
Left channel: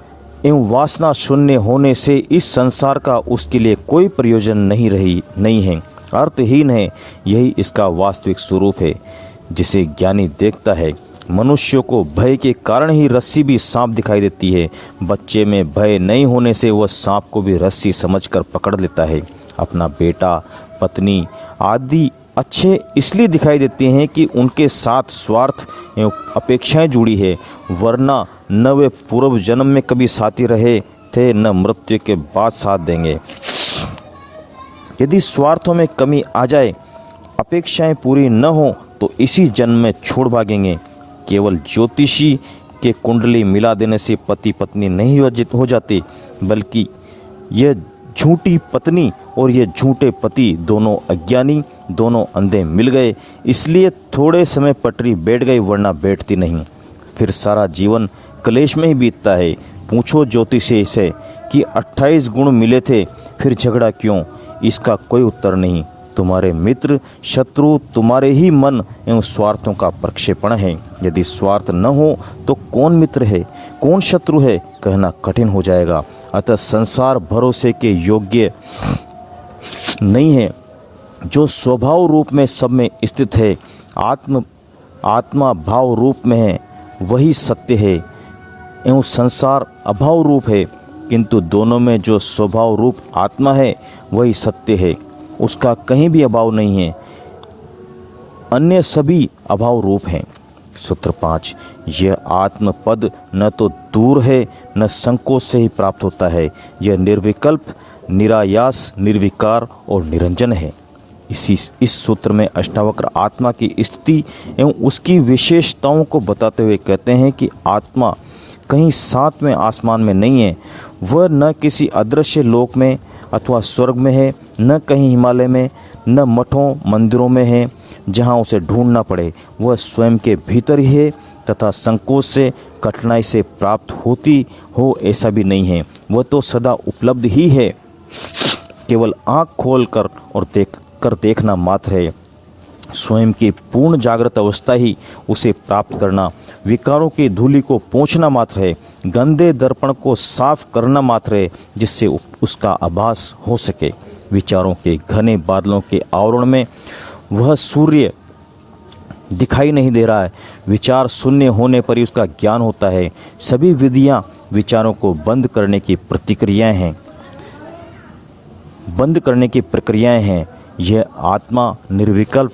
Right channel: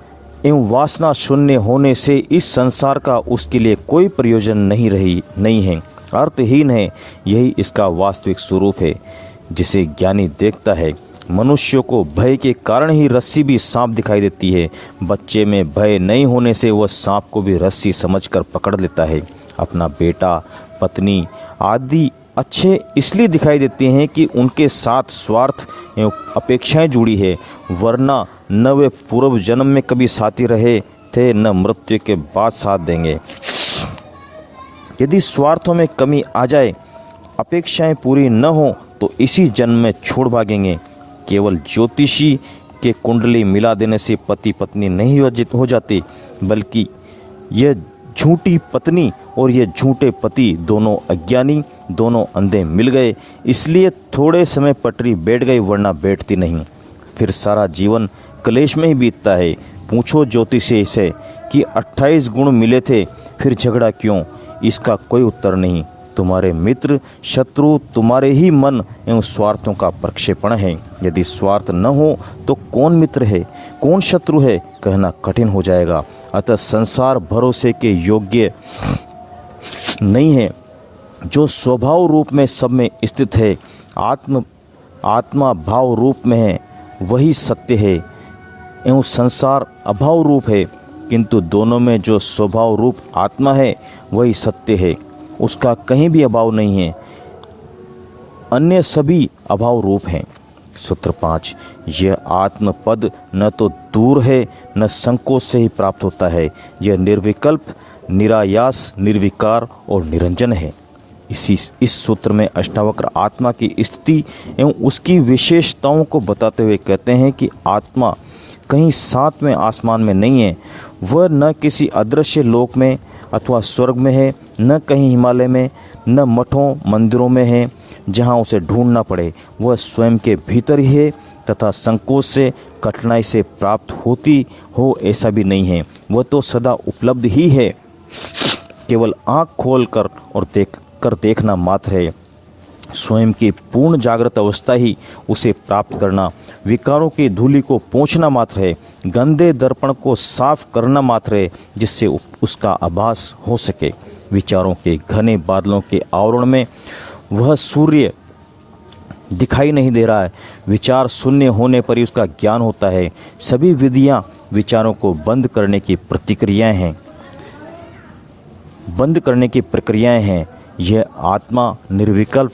एवं वासना शून्य होने से इस संसार का उसके लिए कोई प्रयोजन नहीं है, अर्थहीन है। यही इसका वास्तविक स्वरूप है, जिसे ज्ञानी देखता है। मनुष्यों को भय के कारण ही रस्सी भी सांप दिखाई देती है। बच्चे में भय नहीं होने से वह सांप को भी रस्सी समझकर पकड़ लेता है। अपना बेटा, पत्नी आदि अच्छे इसलिए दिखाई देते हैं कि उनके साथ स्वार्थ एवं अपेक्षाएं जुड़ी है, वरना न वे पूर्व जन्म में कभी साथी रहे थे, न मृत्यु के बाद साथ देंगे। यदि स्वार्थों में कमी आ जाए, अपेक्षाएं पूरी न हो, तो इसी जन्म में छोड़ भागेंगे। केवल ज्योतिषी के कुंडली मिला देने से पति पत्नी नहीं हो जाते, बल्कि यह झूठी पत्नी और ये झूठे पति दोनों अज्ञानी, दोनों अंधे मिल गए। इसलिए थोड़े समय पटरी बैठ गई, वरना बैठती नहीं। फिर सारा जीवन क्लेश में ही बीतता है। पूछो ज्योतिषी से कि 28 गुण मिले थे, फिर झगड़ा क्यों? इसका कोई उत्तर नहीं। तुम्हारे मित्र शत्रु तुम्हारे ही मन एवं स्वार्थों का प्रक्षेपण है। यदि स्वार्थ न हो तो कौन मित्र है, कौन शत्रु है, कहना कठिन हो जाएगा। अतः संसार भरोसे के योग्य नहीं है। जो स्वभाव रूप में सब में स्थित है, आत्मा भाव रूप में है, वही सत्य है एवं संसार अभाव रूप है। किंतु दोनों में जो स्वभाव रूप आत्मा है वही सत्य है, उसका कहीं भी अभाव नहीं है। अन्य सभी अभाव रूप हैं। सूत्र 5, यह आत्म पद न तो दूर है, न संकोच से ही प्राप्त होता है। यह निर्विकल्प, निरायास, निर्विकार और निरंजन है। इस सूत्र में अष्टावक्र आत्मा की स्थिति एवं उसकी विशेषताओं को बताते हुए कहते हैं कि आत्मा कहीं सातवें आसमान में नहीं है। वह न किसी अदृश्य लोक में अथवा स्वर्ग में है, न कहीं हिमालय में, न मठों मंदिरों में है जहाँ उसे ढूंढना पड़े। वह स्वयं के भीतर ही है तथा संकोच से, कठिनाई से प्राप्त होती हो ऐसा भी नहीं है। वह तो सदा उपलब्ध ही है, केवल आँख खोल कर और देखना मात्र है। स्वयं की पूर्ण जागृत अवस्था ही उसे प्राप्त करना, विकारों की धूलि को पोंछना मात्र है, गंदे दर्पण को साफ करना मात्र है, जिससे उसका आभास हो सके। विचारों के घने बादलों के आवरण में वह सूर्य दिखाई नहीं दे रहा है। विचार शून्य होने पर ही उसका ज्ञान होता है। सभी विधियां विचारों को बंद करने की प्रक्रियाएं हैं। यह आत्मा निर्विकल्प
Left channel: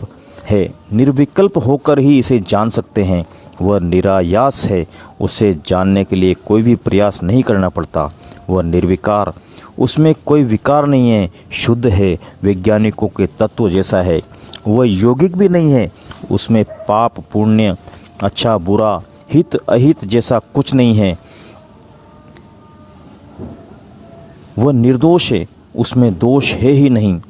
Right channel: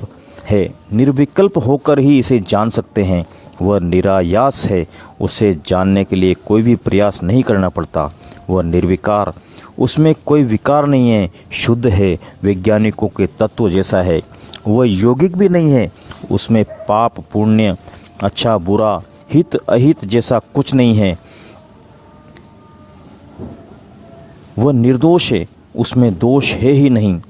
है। निर्विकल्प होकर ही इसे जान सकते हैं। वह निरायास है, उसे जानने के लिए कोई भी प्रयास नहीं करना पड़ता। वह निर्विकार, उसमें कोई विकार नहीं है, शुद्ध है, वैज्ञानिकों के तत्व जैसा है। वह यौगिक भी नहीं है, उसमें पाप पुण्य, अच्छा बुरा, हित अहित जैसा कुछ नहीं है। वह निर्दोष है, उसमें दोष है ही नहीं।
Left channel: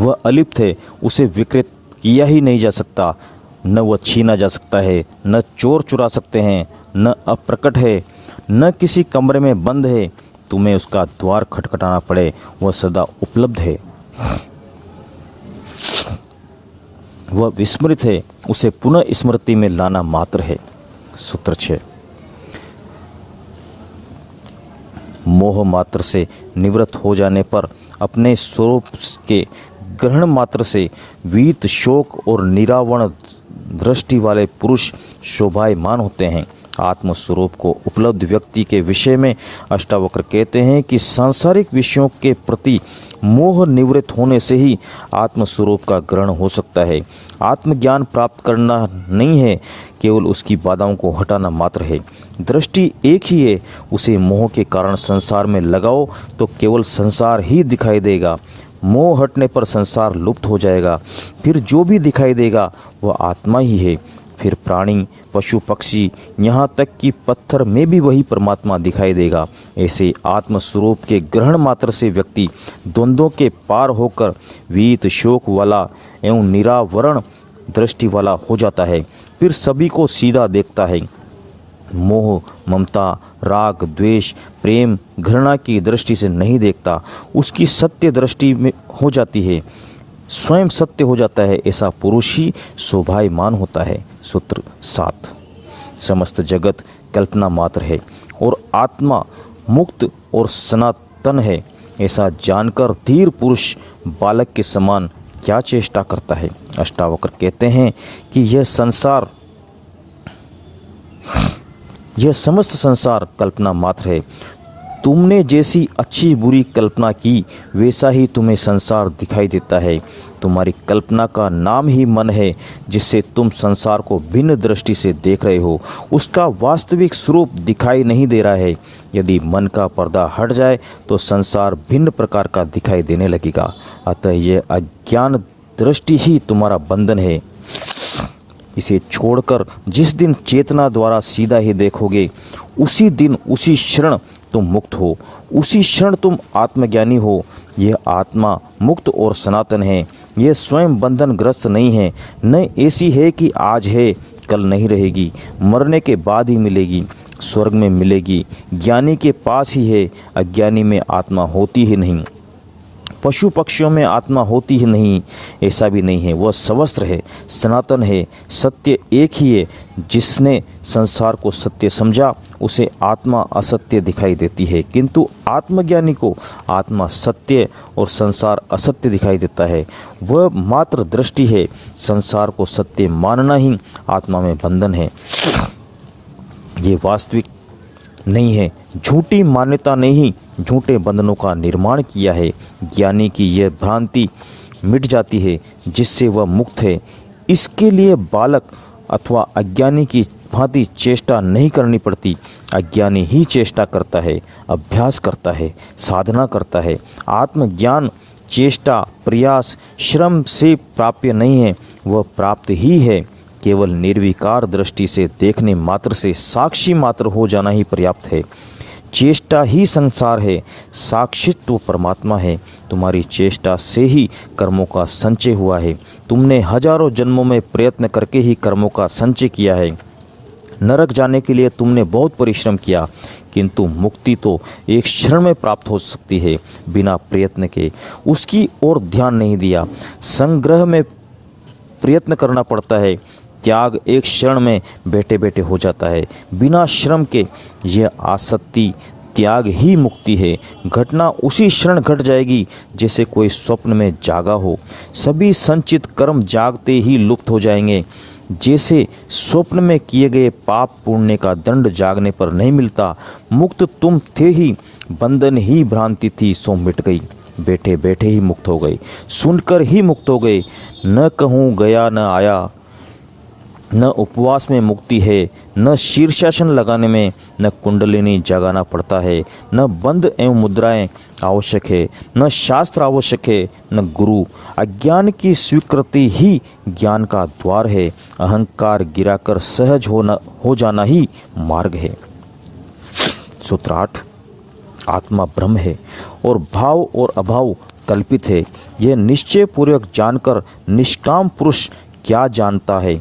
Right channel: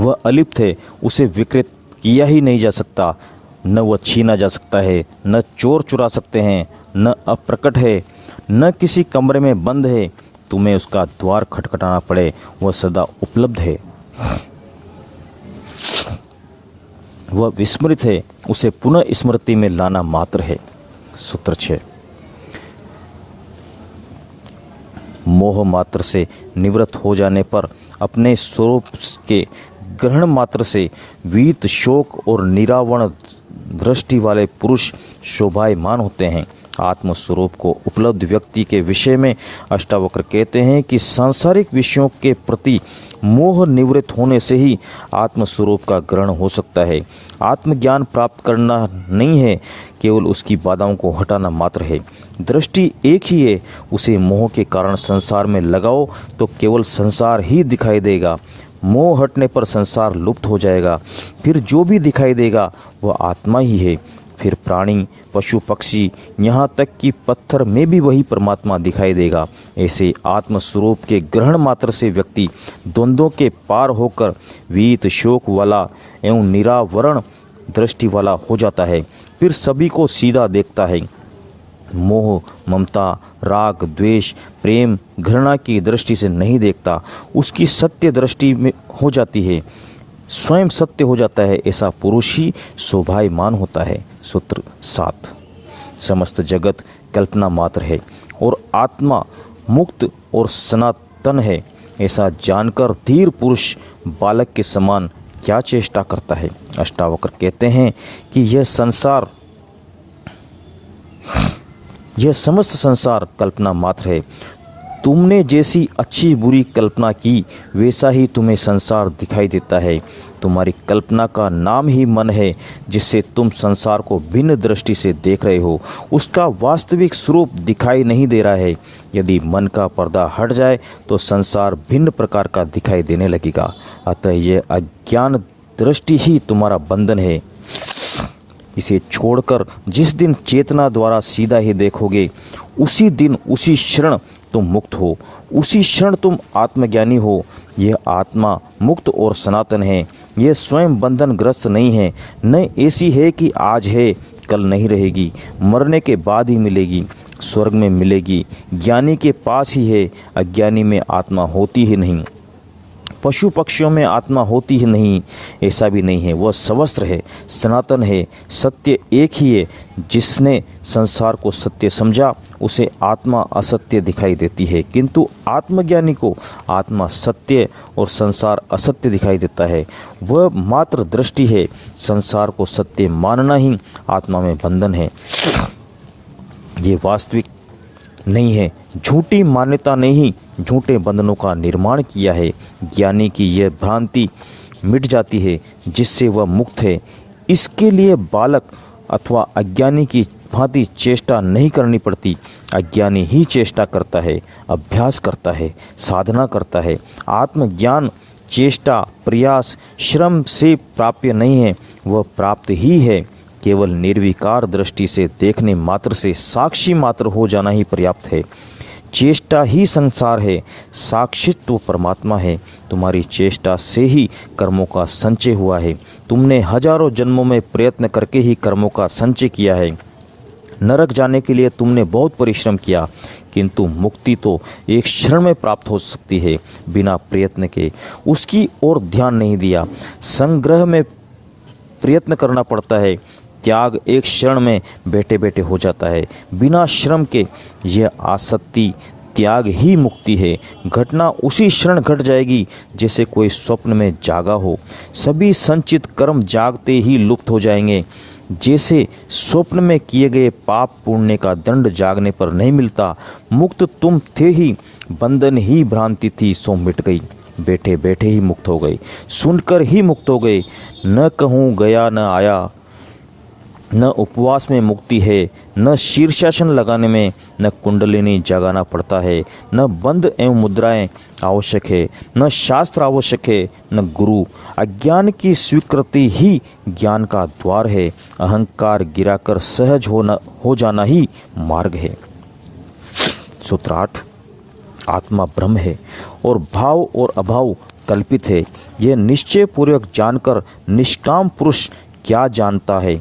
वह अलिप्त है, उसे विकृत किया ही नहीं जा सकता। न वह छीना जा सकता है, न चोर चुरा सकते हैं, न अप्रकट है, न किसी कमरे में बंद है तुम्हें उसका द्वार खटखटाना पड़े। वह सदा उपलब्ध है। वह विस्मृत है, उसे पुनः स्मृति में लाना मात्र है। सूत्र 6, मोह मात्र से निवृत्त हो जाने पर अपने स्वरूप के ग्रहण मात्र से वीत शोक और निरावरण दृष्टि वाले पुरुष शोभायमान होते हैं। आत्म स्वरूप को उपलब्ध व्यक्ति के विषय में अष्टावक्र कहते हैं कि सांसारिक विषयों के प्रति मोह निवृत्त होने से ही आत्म स्वरूप का ग्रहण हो सकता है। आत्मज्ञान प्राप्त करना नहीं है, केवल उसकी बाधाओं को हटाना मात्र है। दृष्टि एक ही है, उसे मोह के कारण संसार में लगाओ तो केवल संसार ही दिखाई देगा। मोह हटने पर संसार लुप्त हो जाएगा, फिर जो भी दिखाई देगा वह आत्मा ही है। फिर प्राणी, पशु, पक्षी, यहाँ तक कि पत्थर में भी वही परमात्मा दिखाई देगा। ऐसे आत्म स्वरूप के ग्रहण मात्र से व्यक्ति द्वंद्वों के पार होकर वीत शोक वाला एवं निरावरण दृष्टि वाला हो जाता है। फिर सभी को सीधा देखता है। मोह, ममता, राग, द्वेष, प्रेम, घृणा की दृष्टि से नहीं देखता, उसकी सत्य दृष्टि में हो जाती है, स्वयं सत्य हो जाता है। ऐसा पुरुष ही शोभायमान होता है। सूत्र 7। समस्त जगत कल्पना मात्र है और आत्मा मुक्त और सनातन है। ऐसा जानकर धीर पुरुष बालक के समान क्या चेष्टा करता है। अष्टावक्र कहते हैं कि यह समस्त संसार कल्पना मात्र है। तुमने जैसी अच्छी बुरी कल्पना की वैसा ही तुम्हें संसार दिखाई देता है। तुम्हारी कल्पना का नाम ही मन है, जिससे तुम संसार को भिन्न दृष्टि से देख रहे हो। उसका वास्तविक स्वरूप दिखाई नहीं दे रहा है। यदि मन का पर्दा हट जाए तो संसार भिन्न प्रकार का दिखाई देने लगेगा। अतः यह अज्ञान दृष्टि ही तुम्हारा बंधन है। इसे छोड़कर जिस दिन चेतना द्वारा सीधा ही देखोगे, उसी दिन उसी क्षण तुम मुक्त हो, उसी क्षण तुम आत्मज्ञानी हो। यह आत्मा मुक्त और सनातन है। यह स्वयं बंधन ग्रस्त नहीं है, न ऐसी है कि आज है कल नहीं रहेगी, मरने के बाद ही मिलेगी, स्वर्ग में मिलेगी। ज्ञानी के पास ही है, अज्ञानी में आत्मा होती ही नहीं। पशु पक्षियों में आत्मा होती ही नहीं, ऐसा भी नहीं है। वह सवस्त्र है, सनातन है, सत्य एक ही है। जिसने संसार को सत्य समझा उसे आत्मा असत्य दिखाई देती है, किंतु आत्मज्ञानी को आत्मा सत्य और संसार असत्य दिखाई देता है। वह मात्र दृष्टि है। संसार को सत्य मानना ही आत्मा में बंधन है। ये वास्तविक नहीं है। झूठी मान्यता ने ही झूठे बंधनों का निर्माण किया है। ज्ञानी की यह भ्रांति मिट जाती है, जिससे वह मुक्त है। इसके लिए बालक अथवा अज्ञानी की भांति चेष्टा नहीं करनी पड़ती। अज्ञानी ही चेष्टा करता है, अभ्यास करता है, साधना करता है। आत्मज्ञान चेष्टा, प्रयास, श्रम से प्राप्य नहीं है, वह प्राप्त ही है। केवल निर्विकार दृष्टि से देखने मात्र से साक्षी मात्र हो जाना ही पर्याप्त है। चेष्टा ही संसार है, साक्षित्व परमात्मा है। तुम्हारी चेष्टा से ही कर्मों का संचय हुआ है। तुमने हजारों जन्मों में प्रयत्न करके ही कर्मों का संचय किया है। नरक जाने के लिए तुमने बहुत परिश्रम किया, किंतु मुक्ति तो एक क्षण में प्राप्त हो सकती है बिना प्रयत्न के। उसकी ओर ध्यान नहीं दिया। संग्रह में प्रयत्न करना पड़ता है। त्याग एक क्षण में बैठे बैठे हो जाता है, बिना श्रम के। यह आसक्ति त्याग ही मुक्ति है। घटना उसी क्षण घट जाएगी जैसे कोई स्वप्न में जागा हो। सभी संचित कर्म जागते ही लुप्त हो जाएंगे। जैसे स्वप्न में किए गए पाप पुण्य का दंड जागने पर नहीं मिलता। मुक्त तुम थे ही, बंधन ही भ्रांति थी, सो मिट गई। बैठे बैठे ही मुक्त हो गए, सुनकर ही मुक्त हो गए। न कहूँ गया न आया, न उपवास में मुक्ति है, न शीर्षासन लगाने में, न कुंडलिनी जगाना पड़ता है, न बंध एवं मुद्राएं आवश्यक है, न शास्त्र आवश्यक है, न गुरु। अज्ञान की स्वीकृति ही ज्ञान का द्वार है। अहंकार गिराकर सहज हो जाना ही मार्ग है। सूत्र 8। आत्मा ब्रह्म है और भाव और अभाव कल्पित है। यह निश्चय पूर्वक जानकर निष्काम पुरुष क्या जानता है,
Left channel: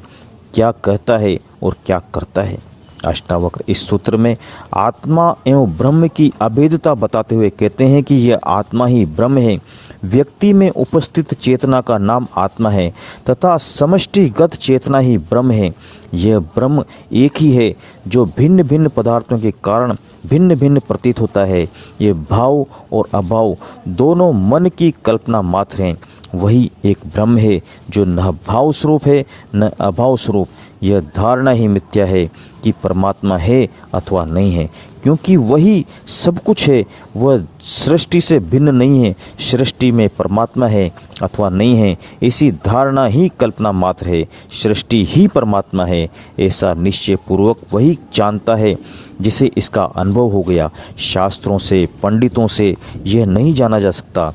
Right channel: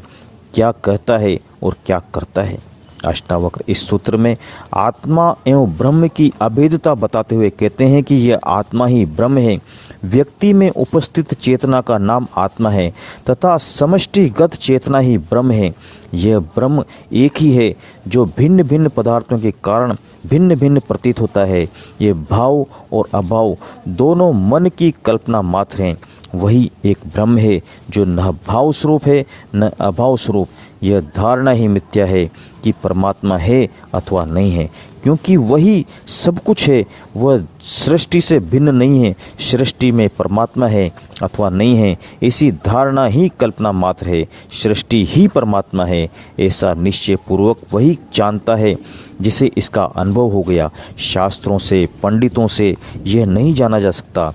क्या कहता है और क्या करता है। अष्टावक्र इस सूत्र में आत्मा एवं ब्रह्म की अभेदता बताते हुए कहते हैं कि यह आत्मा ही ब्रह्म है। व्यक्ति में उपस्थित चेतना का नाम आत्मा है तथा समष्टिगत चेतना ही ब्रह्म है। यह ब्रह्म एक ही है जो भिन्न भिन्न पदार्थों के कारण भिन्न भिन्न प्रतीत होता है। ये भाव और अभाव दोनों मन की कल्पना मात्र हैं। वही एक ब्रह्म है जो न भाव स्वरूप है न अभाव स्वरूप। यह धारणा ही मिथ्या है कि परमात्मा है अथवा नहीं है, क्योंकि वही सब कुछ है। वह सृष्टि से भिन्न नहीं है। सृष्टि में परमात्मा है अथवा नहीं है, ऐसी धारणा ही कल्पना मात्र है। सृष्टि ही परमात्मा है, ऐसा निश्चय पूर्वक वही जानता है जिसे इसका अनुभव हो गया। शास्त्रों से, पंडितों से यह नहीं जाना जा सकता।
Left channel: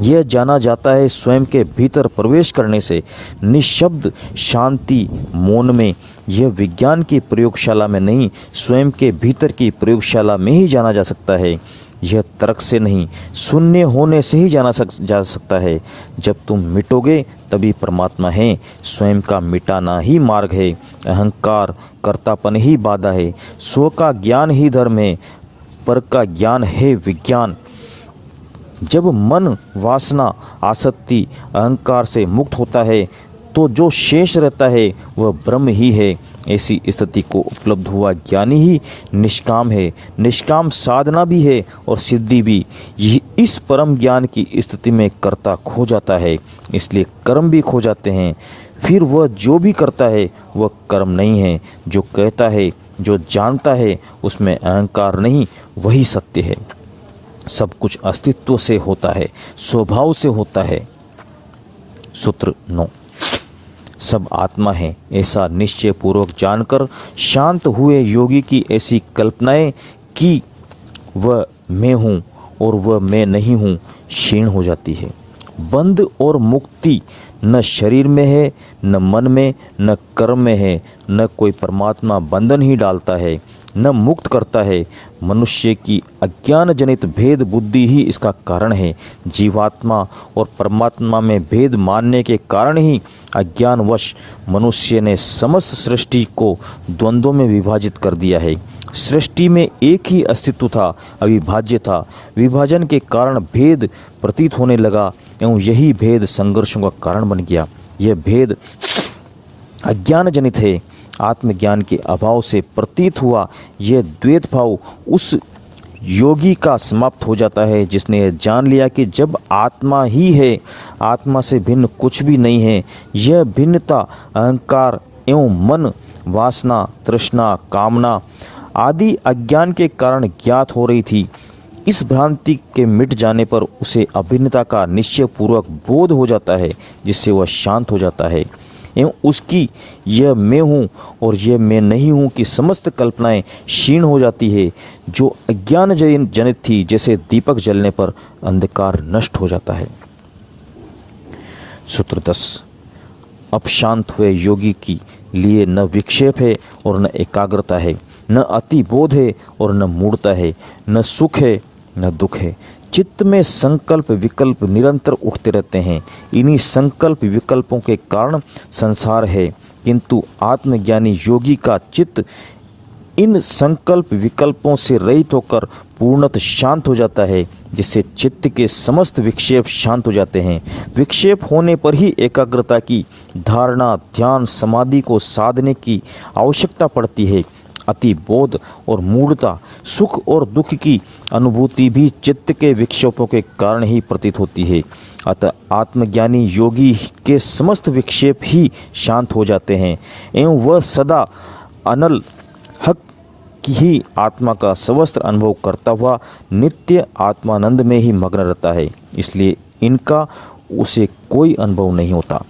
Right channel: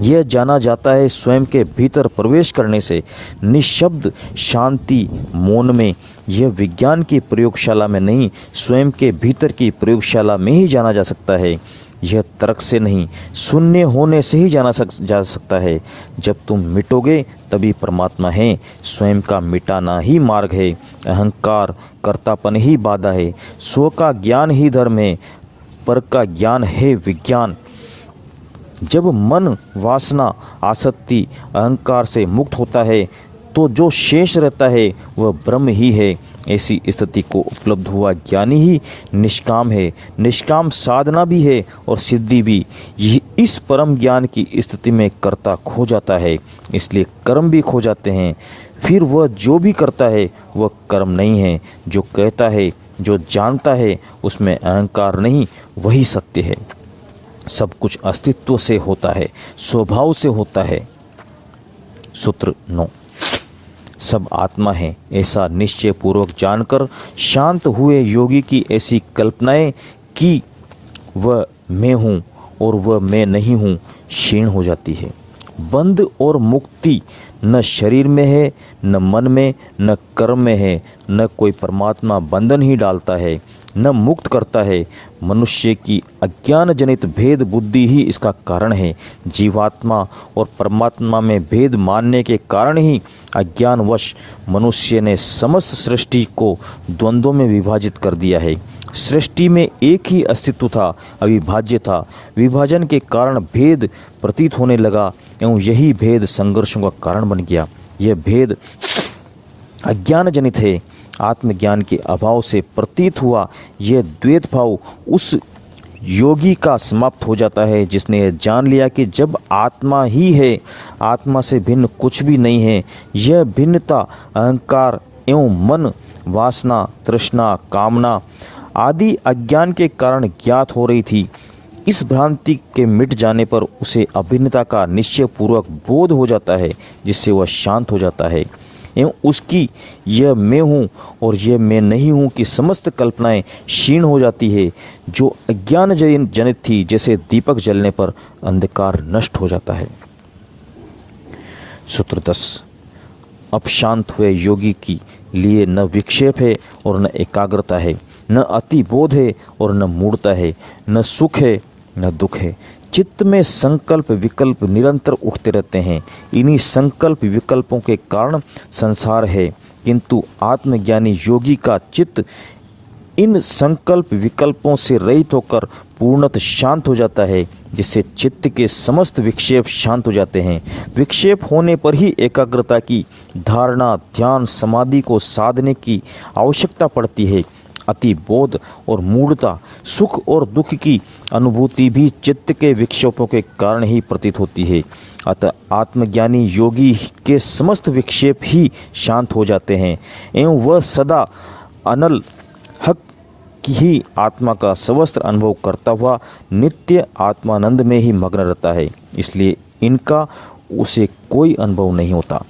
यह जाना जाता है स्वयं के भीतर प्रवेश करने से। निशब्द शांति मौन में। यह विज्ञान की प्रयोगशाला में नहीं, स्वयं के भीतर की प्रयोगशाला में ही जाना जा सकता है। यह तर्क से नहीं, शून्य होने से ही जा सकता है। जब तुम मिटोगे तभी परमात्मा है। स्वयं का मिटाना ही मार्ग है। अहंकार कर्तापन ही बाधा है। स्व का ज्ञान ही धर्म है, पर का ज्ञान है विज्ञान। जब मन वासना आसक्ति अहंकार से मुक्त होता है तो जो शेष रहता है वह ब्रह्म ही है। ऐसी स्थिति को उपलब्ध हुआ ज्ञानी ही निष्काम है। निष्काम साधना भी है और सिद्धि भी। इस परम ज्ञान की स्थिति में कर्ता खो जाता है, इसलिए कर्म भी खो जाते हैं। फिर वह जो भी करता है वह कर्म नहीं है। जो कहता है, जो जानता है, उसमें अहंकार नहीं, वही सत्य है। सब कुछ अस्तित्व से होता है, स्वभाव से होता है। सूत्र 9। सब आत्मा है, ऐसा निश्चय पूर्वक जानकर शांत हुए योगी की ऐसी कल्पनाएं कि वह मैं हूँ और वह मैं नहीं हूँ क्षीण हो जाती है। बंध और मुक्ति न शरीर में है, न मन में, न कर्म में है। न कोई परमात्मा बंधन ही डालता है, न मुक्त करता है। मनुष्य की अज्ञान जनित भेद बुद्धि ही इसका कारण है। जीवात्मा और परमात्मा में भेद मानने के कारण ही अज्ञानवश मनुष्य ने समस्त सृष्टि को द्वंद्वों में विभाजित कर दिया है। सृष्टि में एक ही अस्तित्व था, अविभाज्य था। विभाजन के कारण भेद प्रतीत होने लगा एवं यही भेद संघर्षों का कारण बन गया। यह भेद अज्ञान जनित है। आत्मज्ञान के अभाव से प्रतीत हुआ यह द्वैत भाव उस योगी का समाप्त हो जाता है जिसने यह जान लिया कि जब आत्मा ही है, आत्मा से भिन्न कुछ भी नहीं है। यह भिन्नता अहंकार एवं मन, वासना, तृष्णा, कामना आदि अज्ञान के कारण ज्ञात हो रही थी। इस भ्रांति के मिट जाने पर उसे अभिन्नता का निश्चय पूर्वक बोध हो जाता है, जिससे वह शांत हो जाता है एवं उसकी यह मैं हूँ और यह मैं नहीं हूँ कि समस्त कल्पनाएं क्षीण हो जाती है। जो अज्ञान जनित थी, जैसे दीपक जलने पर अंधकार नष्ट हो जाता है। सूत्र 10। अब शांत हुए योगी की लिए न विक्षेप है और न एकाग्रता है, न अति बोध है और न मूढ़ता है, न सुख है न दुख है। चित्त में संकल्प विकल्प निरंतर उठते रहते हैं। इन्हीं संकल्प विकल्पों के कारण संसार है, किंतु आत्मज्ञानी योगी का चित्त इन संकल्प विकल्पों से रहित होकर पूर्णतः शांत हो जाता है, जिससे चित्त के समस्त विक्षेप शांत हो जाते हैं। विक्षेप होने पर ही एकाग्रता की धारणा, ध्यान, समाधि को साधने की आवश्यकता पड़ती है। अति बोध और मूढ़ता, सुख और दुख की अनुभूति भी चित्त के विक्षेपों के कारण ही प्रतीत होती है। अतः आत्मज्ञानी योगी के समस्त विक्षेप ही शांत हो जाते हैं एवं वह सदा अनल हक की ही आत्मा का सवस्त्र अनुभव करता हुआ नित्य आत्मानंद में ही मग्न रहता है। इसलिए इनका उसे कोई अनुभव नहीं होता।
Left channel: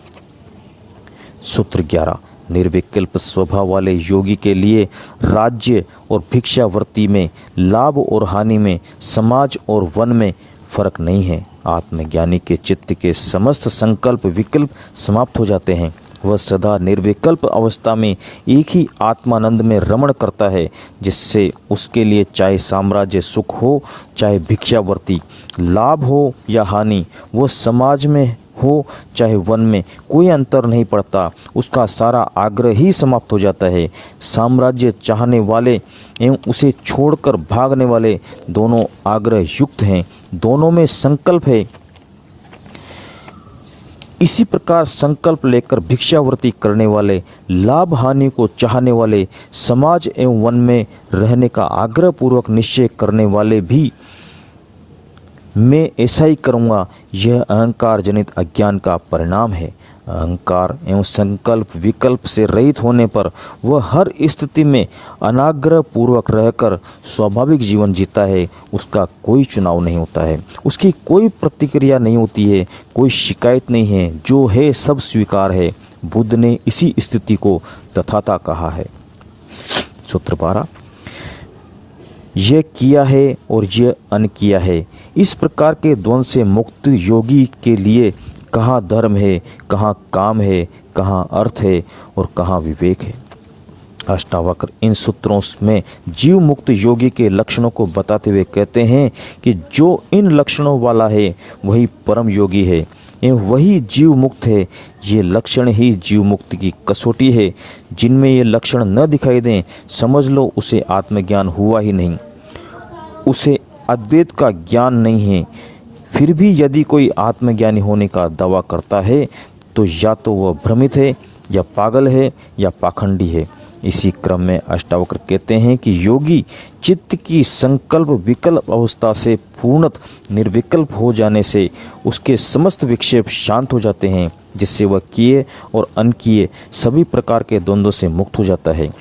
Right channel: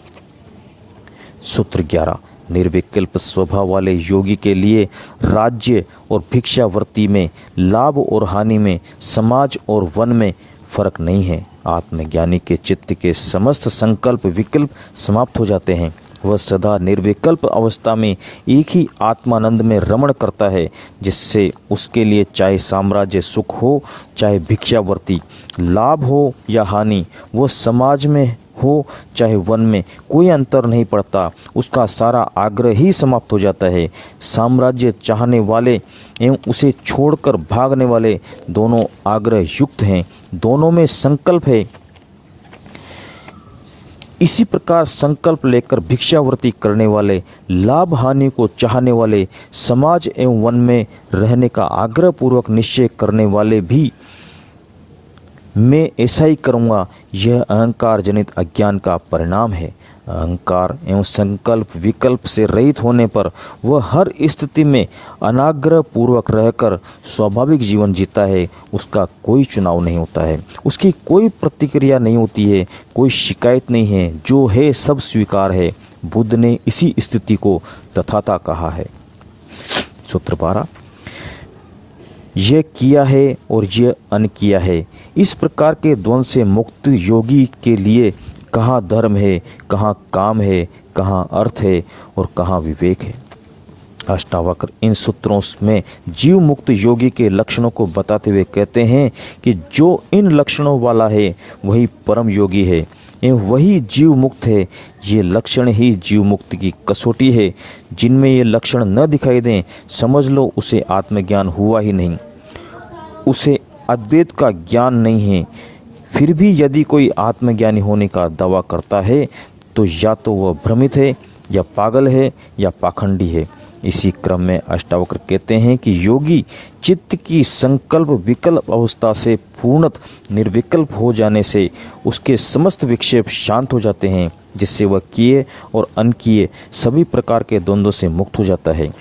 सूत्र 11। निर्विकल्प स्वभाव वाले योगी के लिए राज्य और भिक्षावृत्ति में, लाभ और हानि में, समाज और वन में फर्क नहीं है। आत्मज्ञानी के चित्त के समस्त संकल्प विकल्प समाप्त हो जाते हैं। वह सदा निर्विकल्प अवस्था में एक ही आत्मानंद में रमण करता है, जिससे उसके लिए चाहे साम्राज्य सुख हो, चाहे भिक्षावृत्ति, लाभ हो या हानि, वह समाज में हो चाहे वन में, कोई अंतर नहीं पड़ता। उसका सारा आग्रह ही समाप्त हो जाता है। साम्राज्य चाहने वाले एवं उसे छोड़कर भागने वाले दोनों आग्रह युक्त हैं, दोनों में संकल्प है। इसी प्रकार संकल्प लेकर भिक्षावृत्ति करने वाले, लाभ हानि को चाहने वाले, समाज एवं वन में रहने का आग्रह पूर्वक निश्चय करने वाले भी मैं ऐसा ही करूँगा, यह अहंकार जनित अज्ञान का परिणाम है। अहंकार एवं संकल्प विकल्प से रहित होने पर वह हर स्थिति में अनाग्रह पूर्वक रहकर स्वाभाविक जीवन जीता है। उसका कोई चुनाव नहीं होता है, उसकी कोई प्रतिक्रिया नहीं होती है, कोई शिकायत नहीं है, जो है सब स्वीकार है। बुद्ध ने इसी स्थिति को तथाता कहा है। सूत्र 12, यह किया है और यह अन किया है, इस प्रकार के द्वंद से मुक्त योगी के लिए कहाँ धर्म है, कहाँ काम है, कहाँ अर्थ है और कहाँ विवेक है। अष्टावक्र इन सूत्रों में जीव मुक्त योगी के लक्षणों को बताते हुए कहते हैं कि जो इन लक्षणों वाला है वही परम योगी है एवं वही जीव मुक्त है। ये लक्षण ही जीव मुक्ति की कसौटी है। जिनमें ये लक्षण न दिखाई दें, समझ लो उसे आत्मज्ञान हुआ ही नहीं, उसे अद्वैत का ज्ञान नहीं है। फिर भी यदि कोई आत्मज्ञानी होने का दावा करता है तो या तो वह भ्रमित है, या पागल है, या पाखंडी है। इसी क्रम में अष्टावक्र कहते हैं कि योगी चित्त की संकल्प विकल्प अवस्था से पूर्णतः निर्विकल्प हो जाने से उसके समस्त विक्षेप शांत हो जाते हैं, जिससे वह किए और अनकिए सभी प्रकार के द्वंद्वों से मुक्त हो जाता है।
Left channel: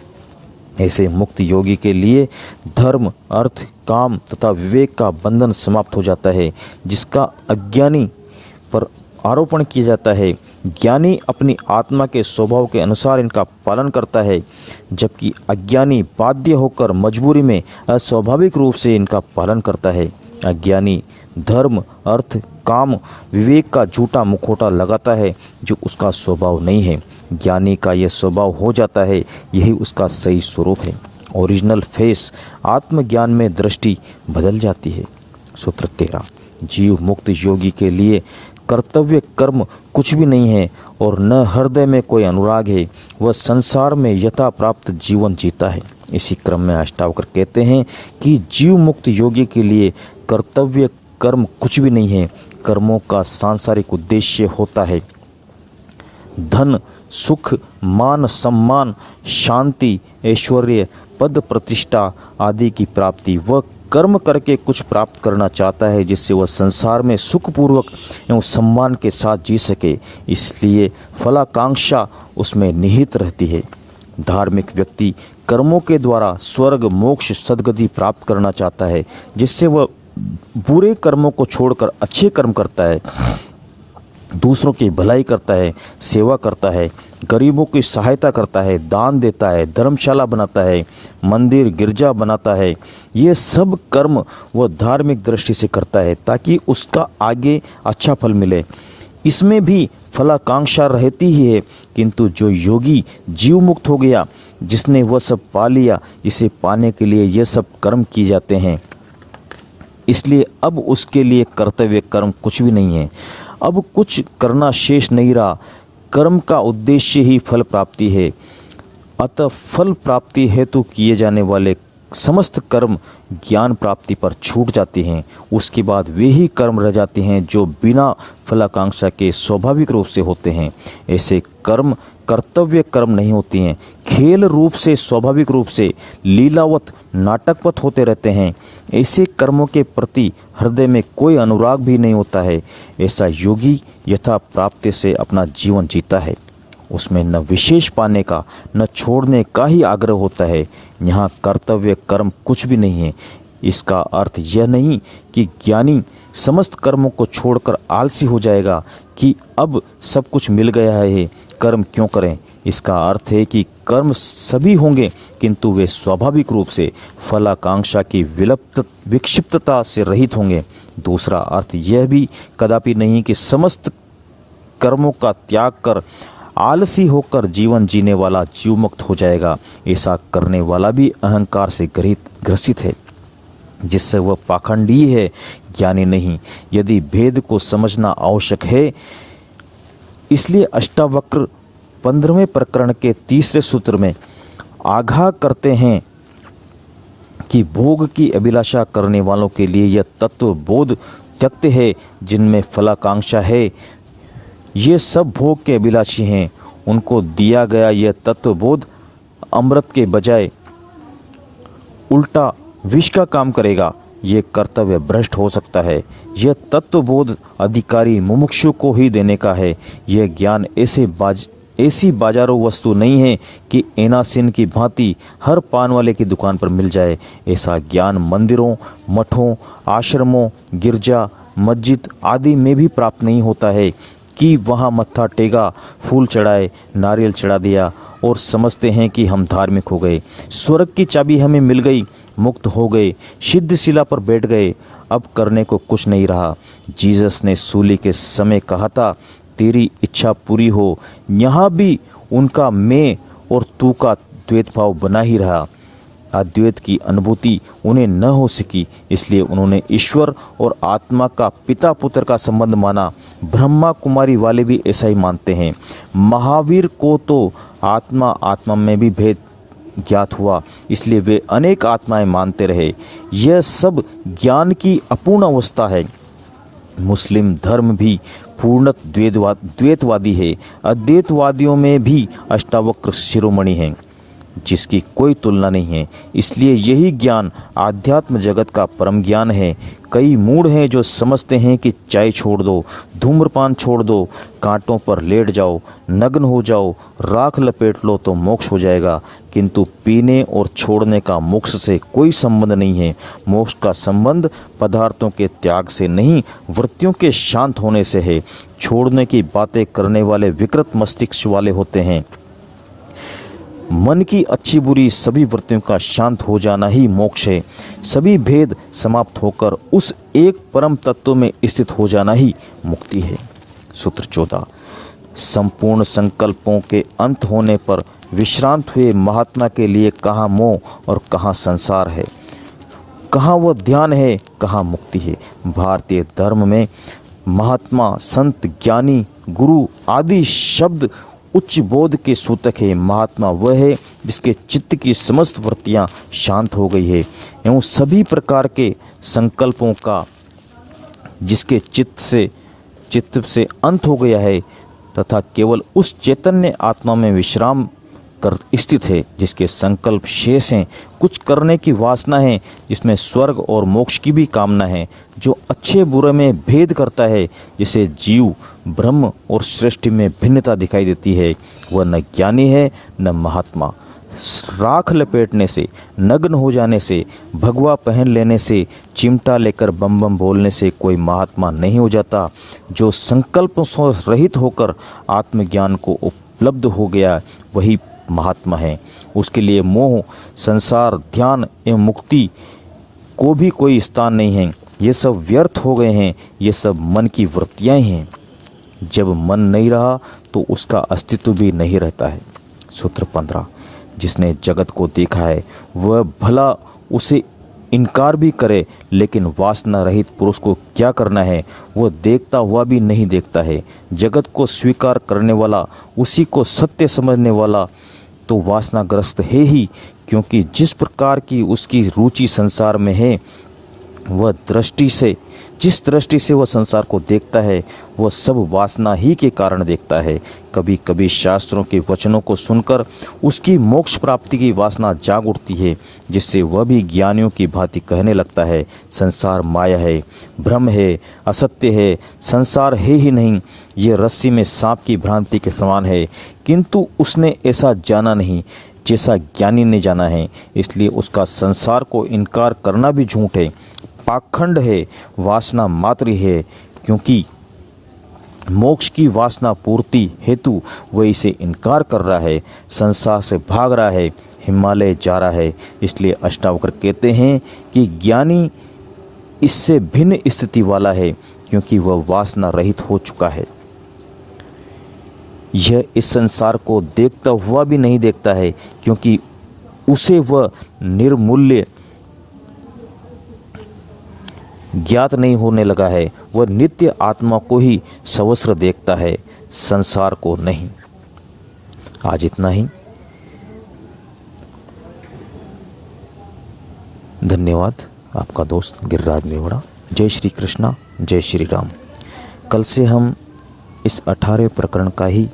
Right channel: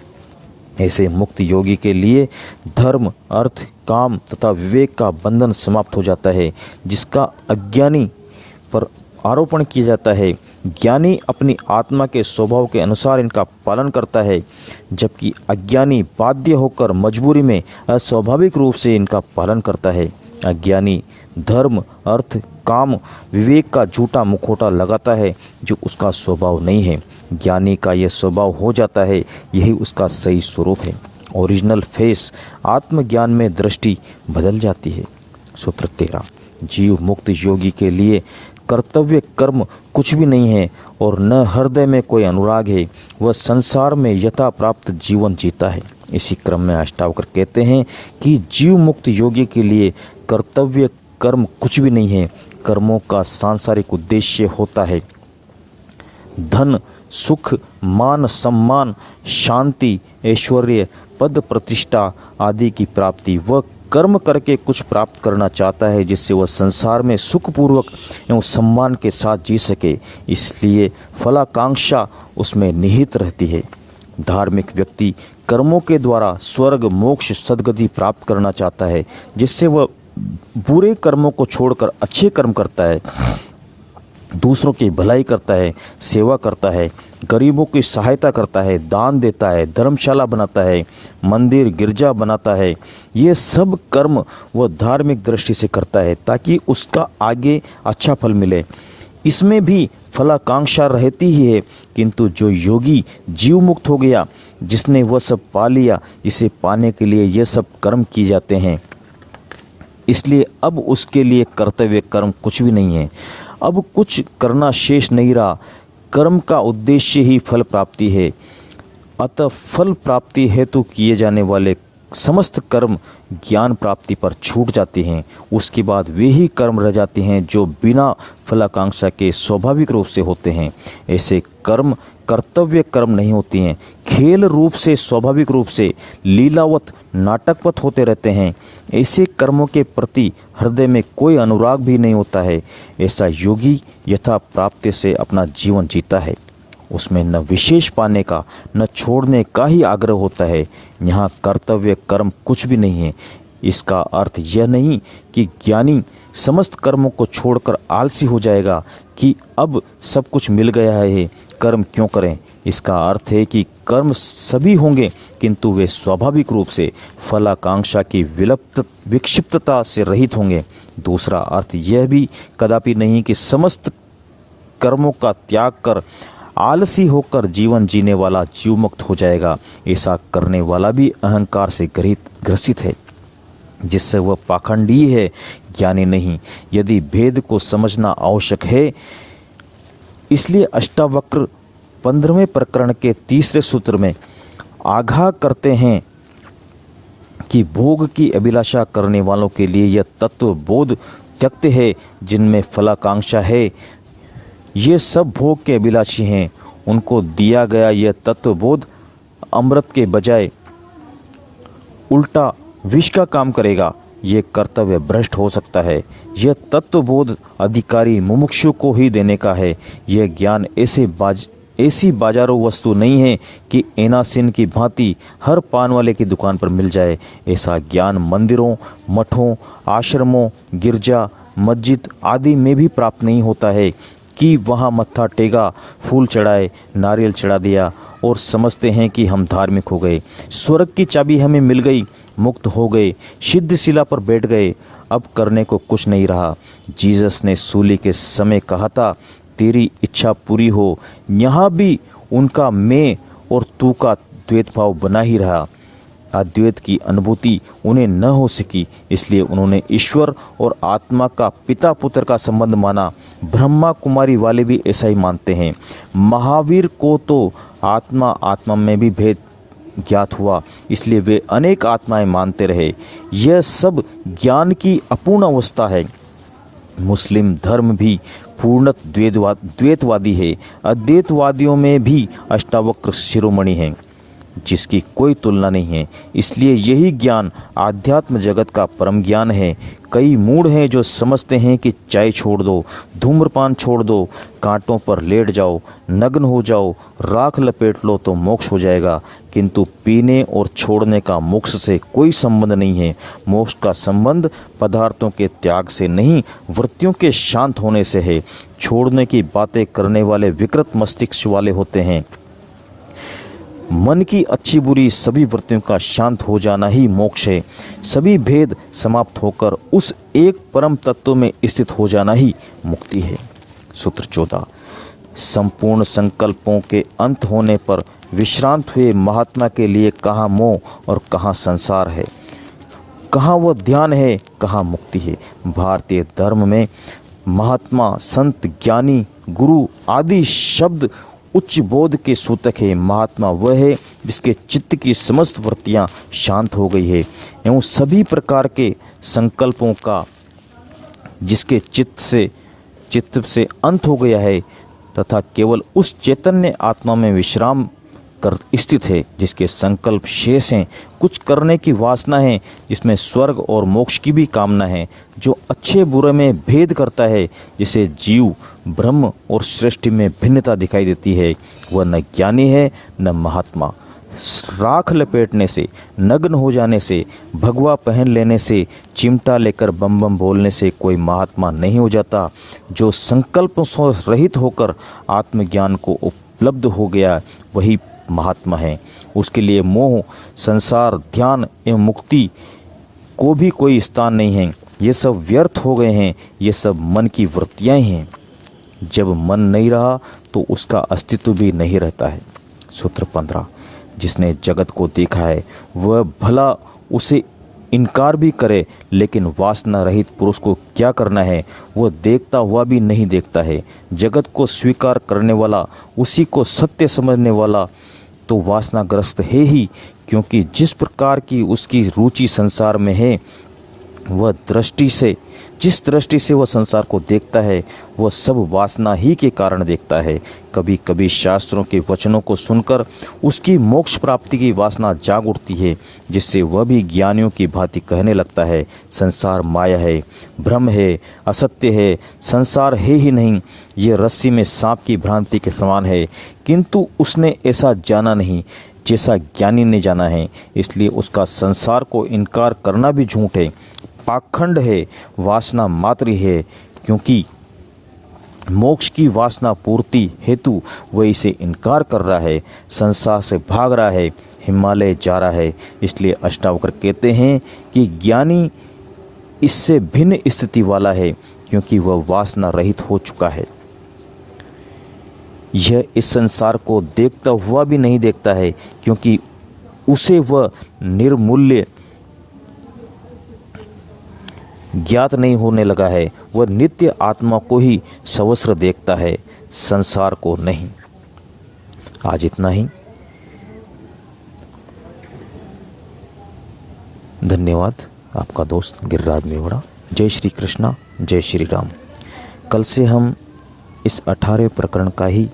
ऐसे मुक्त योगी के लिए धर्म, अर्थ, काम तथा विवेक का बंधन समाप्त हो जाता है, जिसका अज्ञानी पर आरोपण किया जाता है। ज्ञानी अपनी आत्मा के स्वभाव के अनुसार इनका पालन करता है, जबकि अज्ञानी बाध्य होकर मजबूरी में अस्वाभाविक रूप से इनका पालन करता है। अज्ञानी धर्म, अर्थ, काम, विवेक का झूठा मुखौटा लगाता है, जो उसका स्वभाव नहीं है। ज्ञानी का यह स्वभाव हो जाता है, यही उसका सही स्वरूप है। Original face. आत्मज्ञान में दृष्टि बदल जाती है। सूत्र 13, जीव मुक्त योगी के लिए कर्तव्य कर्म कुछ भी नहीं है और न हृदय में कोई अनुराग है। वह संसार में यथा प्राप्त जीवन जीता है। इसी क्रम में अष्टावक्र कहते हैं कि जीव मुक्त योगी के लिए कर्तव्य कर्म कुछ भी नहीं है। कर्मों का सांसारिक उद्देश्य होता है धन, सुख, मान, सम्मान, शांति, ऐश्वर्य, पद, प्रतिष्ठा आदि की प्राप्ति। वह कर्म करके कुछ प्राप्त करना चाहता है, जिससे वह संसार में सुखपूर्वक एवं सम्मान के साथ जी सके। इसलिए फलाकांक्षा उसमें निहित रहती है। धार्मिक व्यक्ति कर्मों के द्वारा स्वर्ग, मोक्ष, सद्गति प्राप्त करना चाहता है, जिससे वह बुरे कर्मों को छोड़कर अच्छे कर्म करता है, दूसरों की भलाई करता है, सेवा करता है, गरीबों की सहायता करता है, दान देता है, धर्मशाला बनाता है, मंदिर गिरजा बनाता है। ये सब कर्म वह धार्मिक दृष्टि से करता है ताकि उसका आगे अच्छा फल मिले। इसमें भी फलाकांक्षा रहती ही है, किंतु जो योगी जीव मुक्त हो गया, जिसने वह सब पा लिया, इसे पाने के लिए ये सब कर्म किए जाते हैं। इसलिए अब उसके लिए कर्तव्य कर्म कुछ भी नहीं है। अब कुछ करना शेष नहीं रहा। कर्म का उद्देश्य ही फल प्राप्ति है। अतः फल प्राप्ति हेतु किए जाने वाले समस्त कर्म ज्ञान प्राप्ति पर छूट जाते हैं। उसके बाद वे ही कर्म रह जाते हैं जो बिना फलाकांक्षा के स्वाभाविक रूप से होते हैं। ऐसे कर्म कर्तव्य कर्म नहीं होते हैं, खेल रूप से स्वाभाविक रूप से लीलावत नाटकवत होते रहते हैं। ऐसे कर्मों के प्रति हृदय में कोई अनुराग भी नहीं होता है। ऐसा योगी यथा प्राप्ति से अपना जीवन जीता है। उसमें न विशेष पाने का न छोड़ने का ही आग्रह होता है। यहाँ कर्तव्य कर्म कुछ भी नहीं है। इसका अर्थ यह नहीं कि ज्ञानी समस्त कर्मों को छोड़कर आलसी हो जाएगा कि अब सब कुछ मिल गया है, कर्म क्यों करें। इसका अर्थ है कि कर्म सभी होंगे, किंतु वे स्वाभाविक रूप से फलाकांक्षा की विक्षिप्तता से रहित होंगे। दूसरा अर्थ यह भी कदापि नहीं कि समस्त कर्मों का त्याग कर आलसी होकर जीवन जीने वाला जीव मुक्त हो जाएगा। ऐसा करने वाला भी अहंकार से ग्रसित है, जिससे वह पाखंडी है, ज्ञानी नहीं। यदि भेद को समझना आवश्यक है, इसलिए अष्टावक्र 15वें प्रकरण के 3रे सूत्र में आगाह करते हैं कि भोग की अभिलाषा करने वालों के लिए यह तत्व बोध त्यक्त है, जिनमें फलाकांक्षा है। ये सब भोग के अभिलाषी हैं। उनको दिया गया यह तत्वबोध अमृत के बजाय उल्टा विष का काम करेगा। ये कर्तव्य भ्रष्ट हो सकता है। यह तत्वबोध अधिकारी मुमुक्षु को ही देने का है। यह ज्ञान ऐसी बाजारों वस्तु नहीं है कि एनासिन की भांति हर पान वाले की दुकान पर मिल जाए। ऐसा ज्ञान मंदिरों, मठों, आश्रमों, गिरजा, मस्जिद आदि में भी प्राप्त नहीं होता है कि वहाँ मत्था टेका, फूल चढ़ाए, नारियल चढ़ा दिया और समझते हैं कि हम धार्मिक हो गए, स्वर्ग की चाबी हमें मिल गई, मुक्त हो गए, सिद्ध शिला पर बैठ गए, अब करने को कुछ नहीं रहा। जीसस ने सूली के समय कहा था, तेरी इच्छा पूरी हो। यहाँ भी उनका मैं और तू का द्वैत भाव बना ही रहा। अद्वैत की अनुभूति उन्हें न हो सकी, इसलिए उन्होंने ईश्वर और आत्मा का पिता पुत्र का संबंध माना। ब्रह्मा कुमारी वाले भी ऐसा ही मानते हैं। महावीर को तो आत्मा में भी भेद ज्ञात हुआ, इसलिए वे अनेक आत्माएं मानते रहे। यह सब ज्ञान की अपूर्ण अवस्था है। मुस्लिम धर्म भी पूर्ण द्वैतवादी है। अद्वैतवादियों में भी अष्टावक्र शिरोमणि हैं, जिसकी कोई तुलना नहीं है। इसलिए यही ज्ञान आध्यात्म जगत का परम ज्ञान है। कई मूढ़ हैं जो समझते हैं कि चाय छोड़ दो, धूम्रपान छोड़ दो, कांटों पर लेट जाओ, नग्न हो जाओ, राख लपेट लो तो मोक्ष हो जाएगा। किंतु पीने और छोड़ने का मोक्ष से कोई संबंध नहीं है। मोक्ष का संबंध पदार्थों के त्याग से नहीं, वृत्तियों के शांत होने से है। छोड़ने की बातें करने वाले विकृत मस्तिष्क वाले होते हैं। मन की अच्छी बुरी सभी वृत्तियों का शांत हो जाना ही मोक्ष है। सभी भेद समाप्त होकर उस एक परम तत्व में स्थित हो जाना ही मुक्ति है। सूत्र 14। संपूर्ण संकल्पों के अंत होने पर विश्रांत हुए महात्मा के लिए कहाँ मोह और कहाँ संसार है, कहाँ वो ध्यान है, कहाँ मुक्ति है। भारतीय धर्म में महात्मा, संत, ज्ञानी, गुरु आदि शब्द उच्च बोध के सूतक है। महात्मा वह है जिसके चित्त की समस्त वृत्तियां शांत हो गई है एवं सभी प्रकार के संकल्पों का जिसके चित्त से अंत हो गया है तथा केवल उस चैतन्य आत्मा में विश्राम कर स्थित है, जिसके संकल्प शेष हैं, कुछ करने की वासना है, जिसमें स्वर्ग और मोक्ष की भी कामना है, जो अच्छे बुरे में भेद करता है, जिसे जीव, ब्रह्म और सृष्टि में भिन्नता दिखाई देती है, वह न ज्ञानी है न महात्मा। राख लपेटने से, नग्न हो जाने से, भगवा पहन लेने से, चिमटा लेकर बम बम बोलने से कोई महात्मा नहीं हो जाता। जो संकल्पों से रहित होकर आत्मज्ञान को उपलब्ध हो गया वही महात्मा है। उसके लिए मोह, संसार, ध्यान एवं मुक्ति को भी कोई स्थान नहीं है। ये सब व्यर्थ हो गए हैं। ये सब मन की वृत्तियां ही हैं। जब मन नहीं रहा तो उसका अस्तित्व भी नहीं रहता है। सूत्र 15। जिसने जगत को देखा है वह भला उसे इनकार भी करे, लेकिन वासना रहित पुरुष को क्या करना है, वह देखता हुआ भी नहीं देखता है। जगत को स्वीकार करने वाला, उसी को सत्य समझने वाला तो वासनाग्रस्त है ही, क्योंकि जिस प्रकार की उसकी रुचि संसार में है वह जिस दृष्टि से वह संसार को देखता है वह सब वासना ही के कारण देखता है। कभी कभी शास्त्रों के वचनों को सुनकर उसकी मोक्ष प्राप्ति की वासना जाग उठती है, जिससे वह भी ज्ञानियों की भांति कहने लगता है, संसार माया है, भ्रम है, असत्य है, संसार है ही नहीं, ये रस्सी में सांप की भ्रांति के समान है। किंतु उसने ऐसा जाना नहीं जैसा ज्ञानी ने जाना है, इसलिए उसका संसार को इनकार करना भी झूठ है, पाखंड है, वासना मात्र है, क्योंकि मोक्ष की वासना पूर्ति हेतु वह इसे इनकार कर रहा है, संसार से भाग रहा है, हिमालय जा रहा है। इसलिए अष्टावक्र कहते हैं कि ज्ञानी इससे भिन्न स्थिति वाला है, क्योंकि वह वासना रहित हो चुका है। यह इस संसार को देखता हुआ भी नहीं देखता है, क्योंकि उसे वह निर्मूल्य ज्ञात नहीं होने लगा है। वह नित्य आत्मा को ही सवस्त्र देखता है, संसार को नहीं। आज इतना ही। धन्यवाद। आपका दोस्त गिरिराज मेवड़ा। जय श्री कृष्णा, जय श्री राम। कल से हम इस 18वें प्रकरण का ही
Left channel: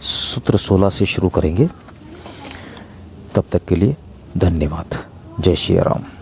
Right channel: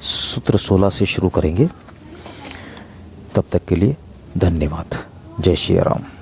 सूत्र 16 से शुरू करेंगे। तब तक के लिए धन्यवाद। जय श्री राम।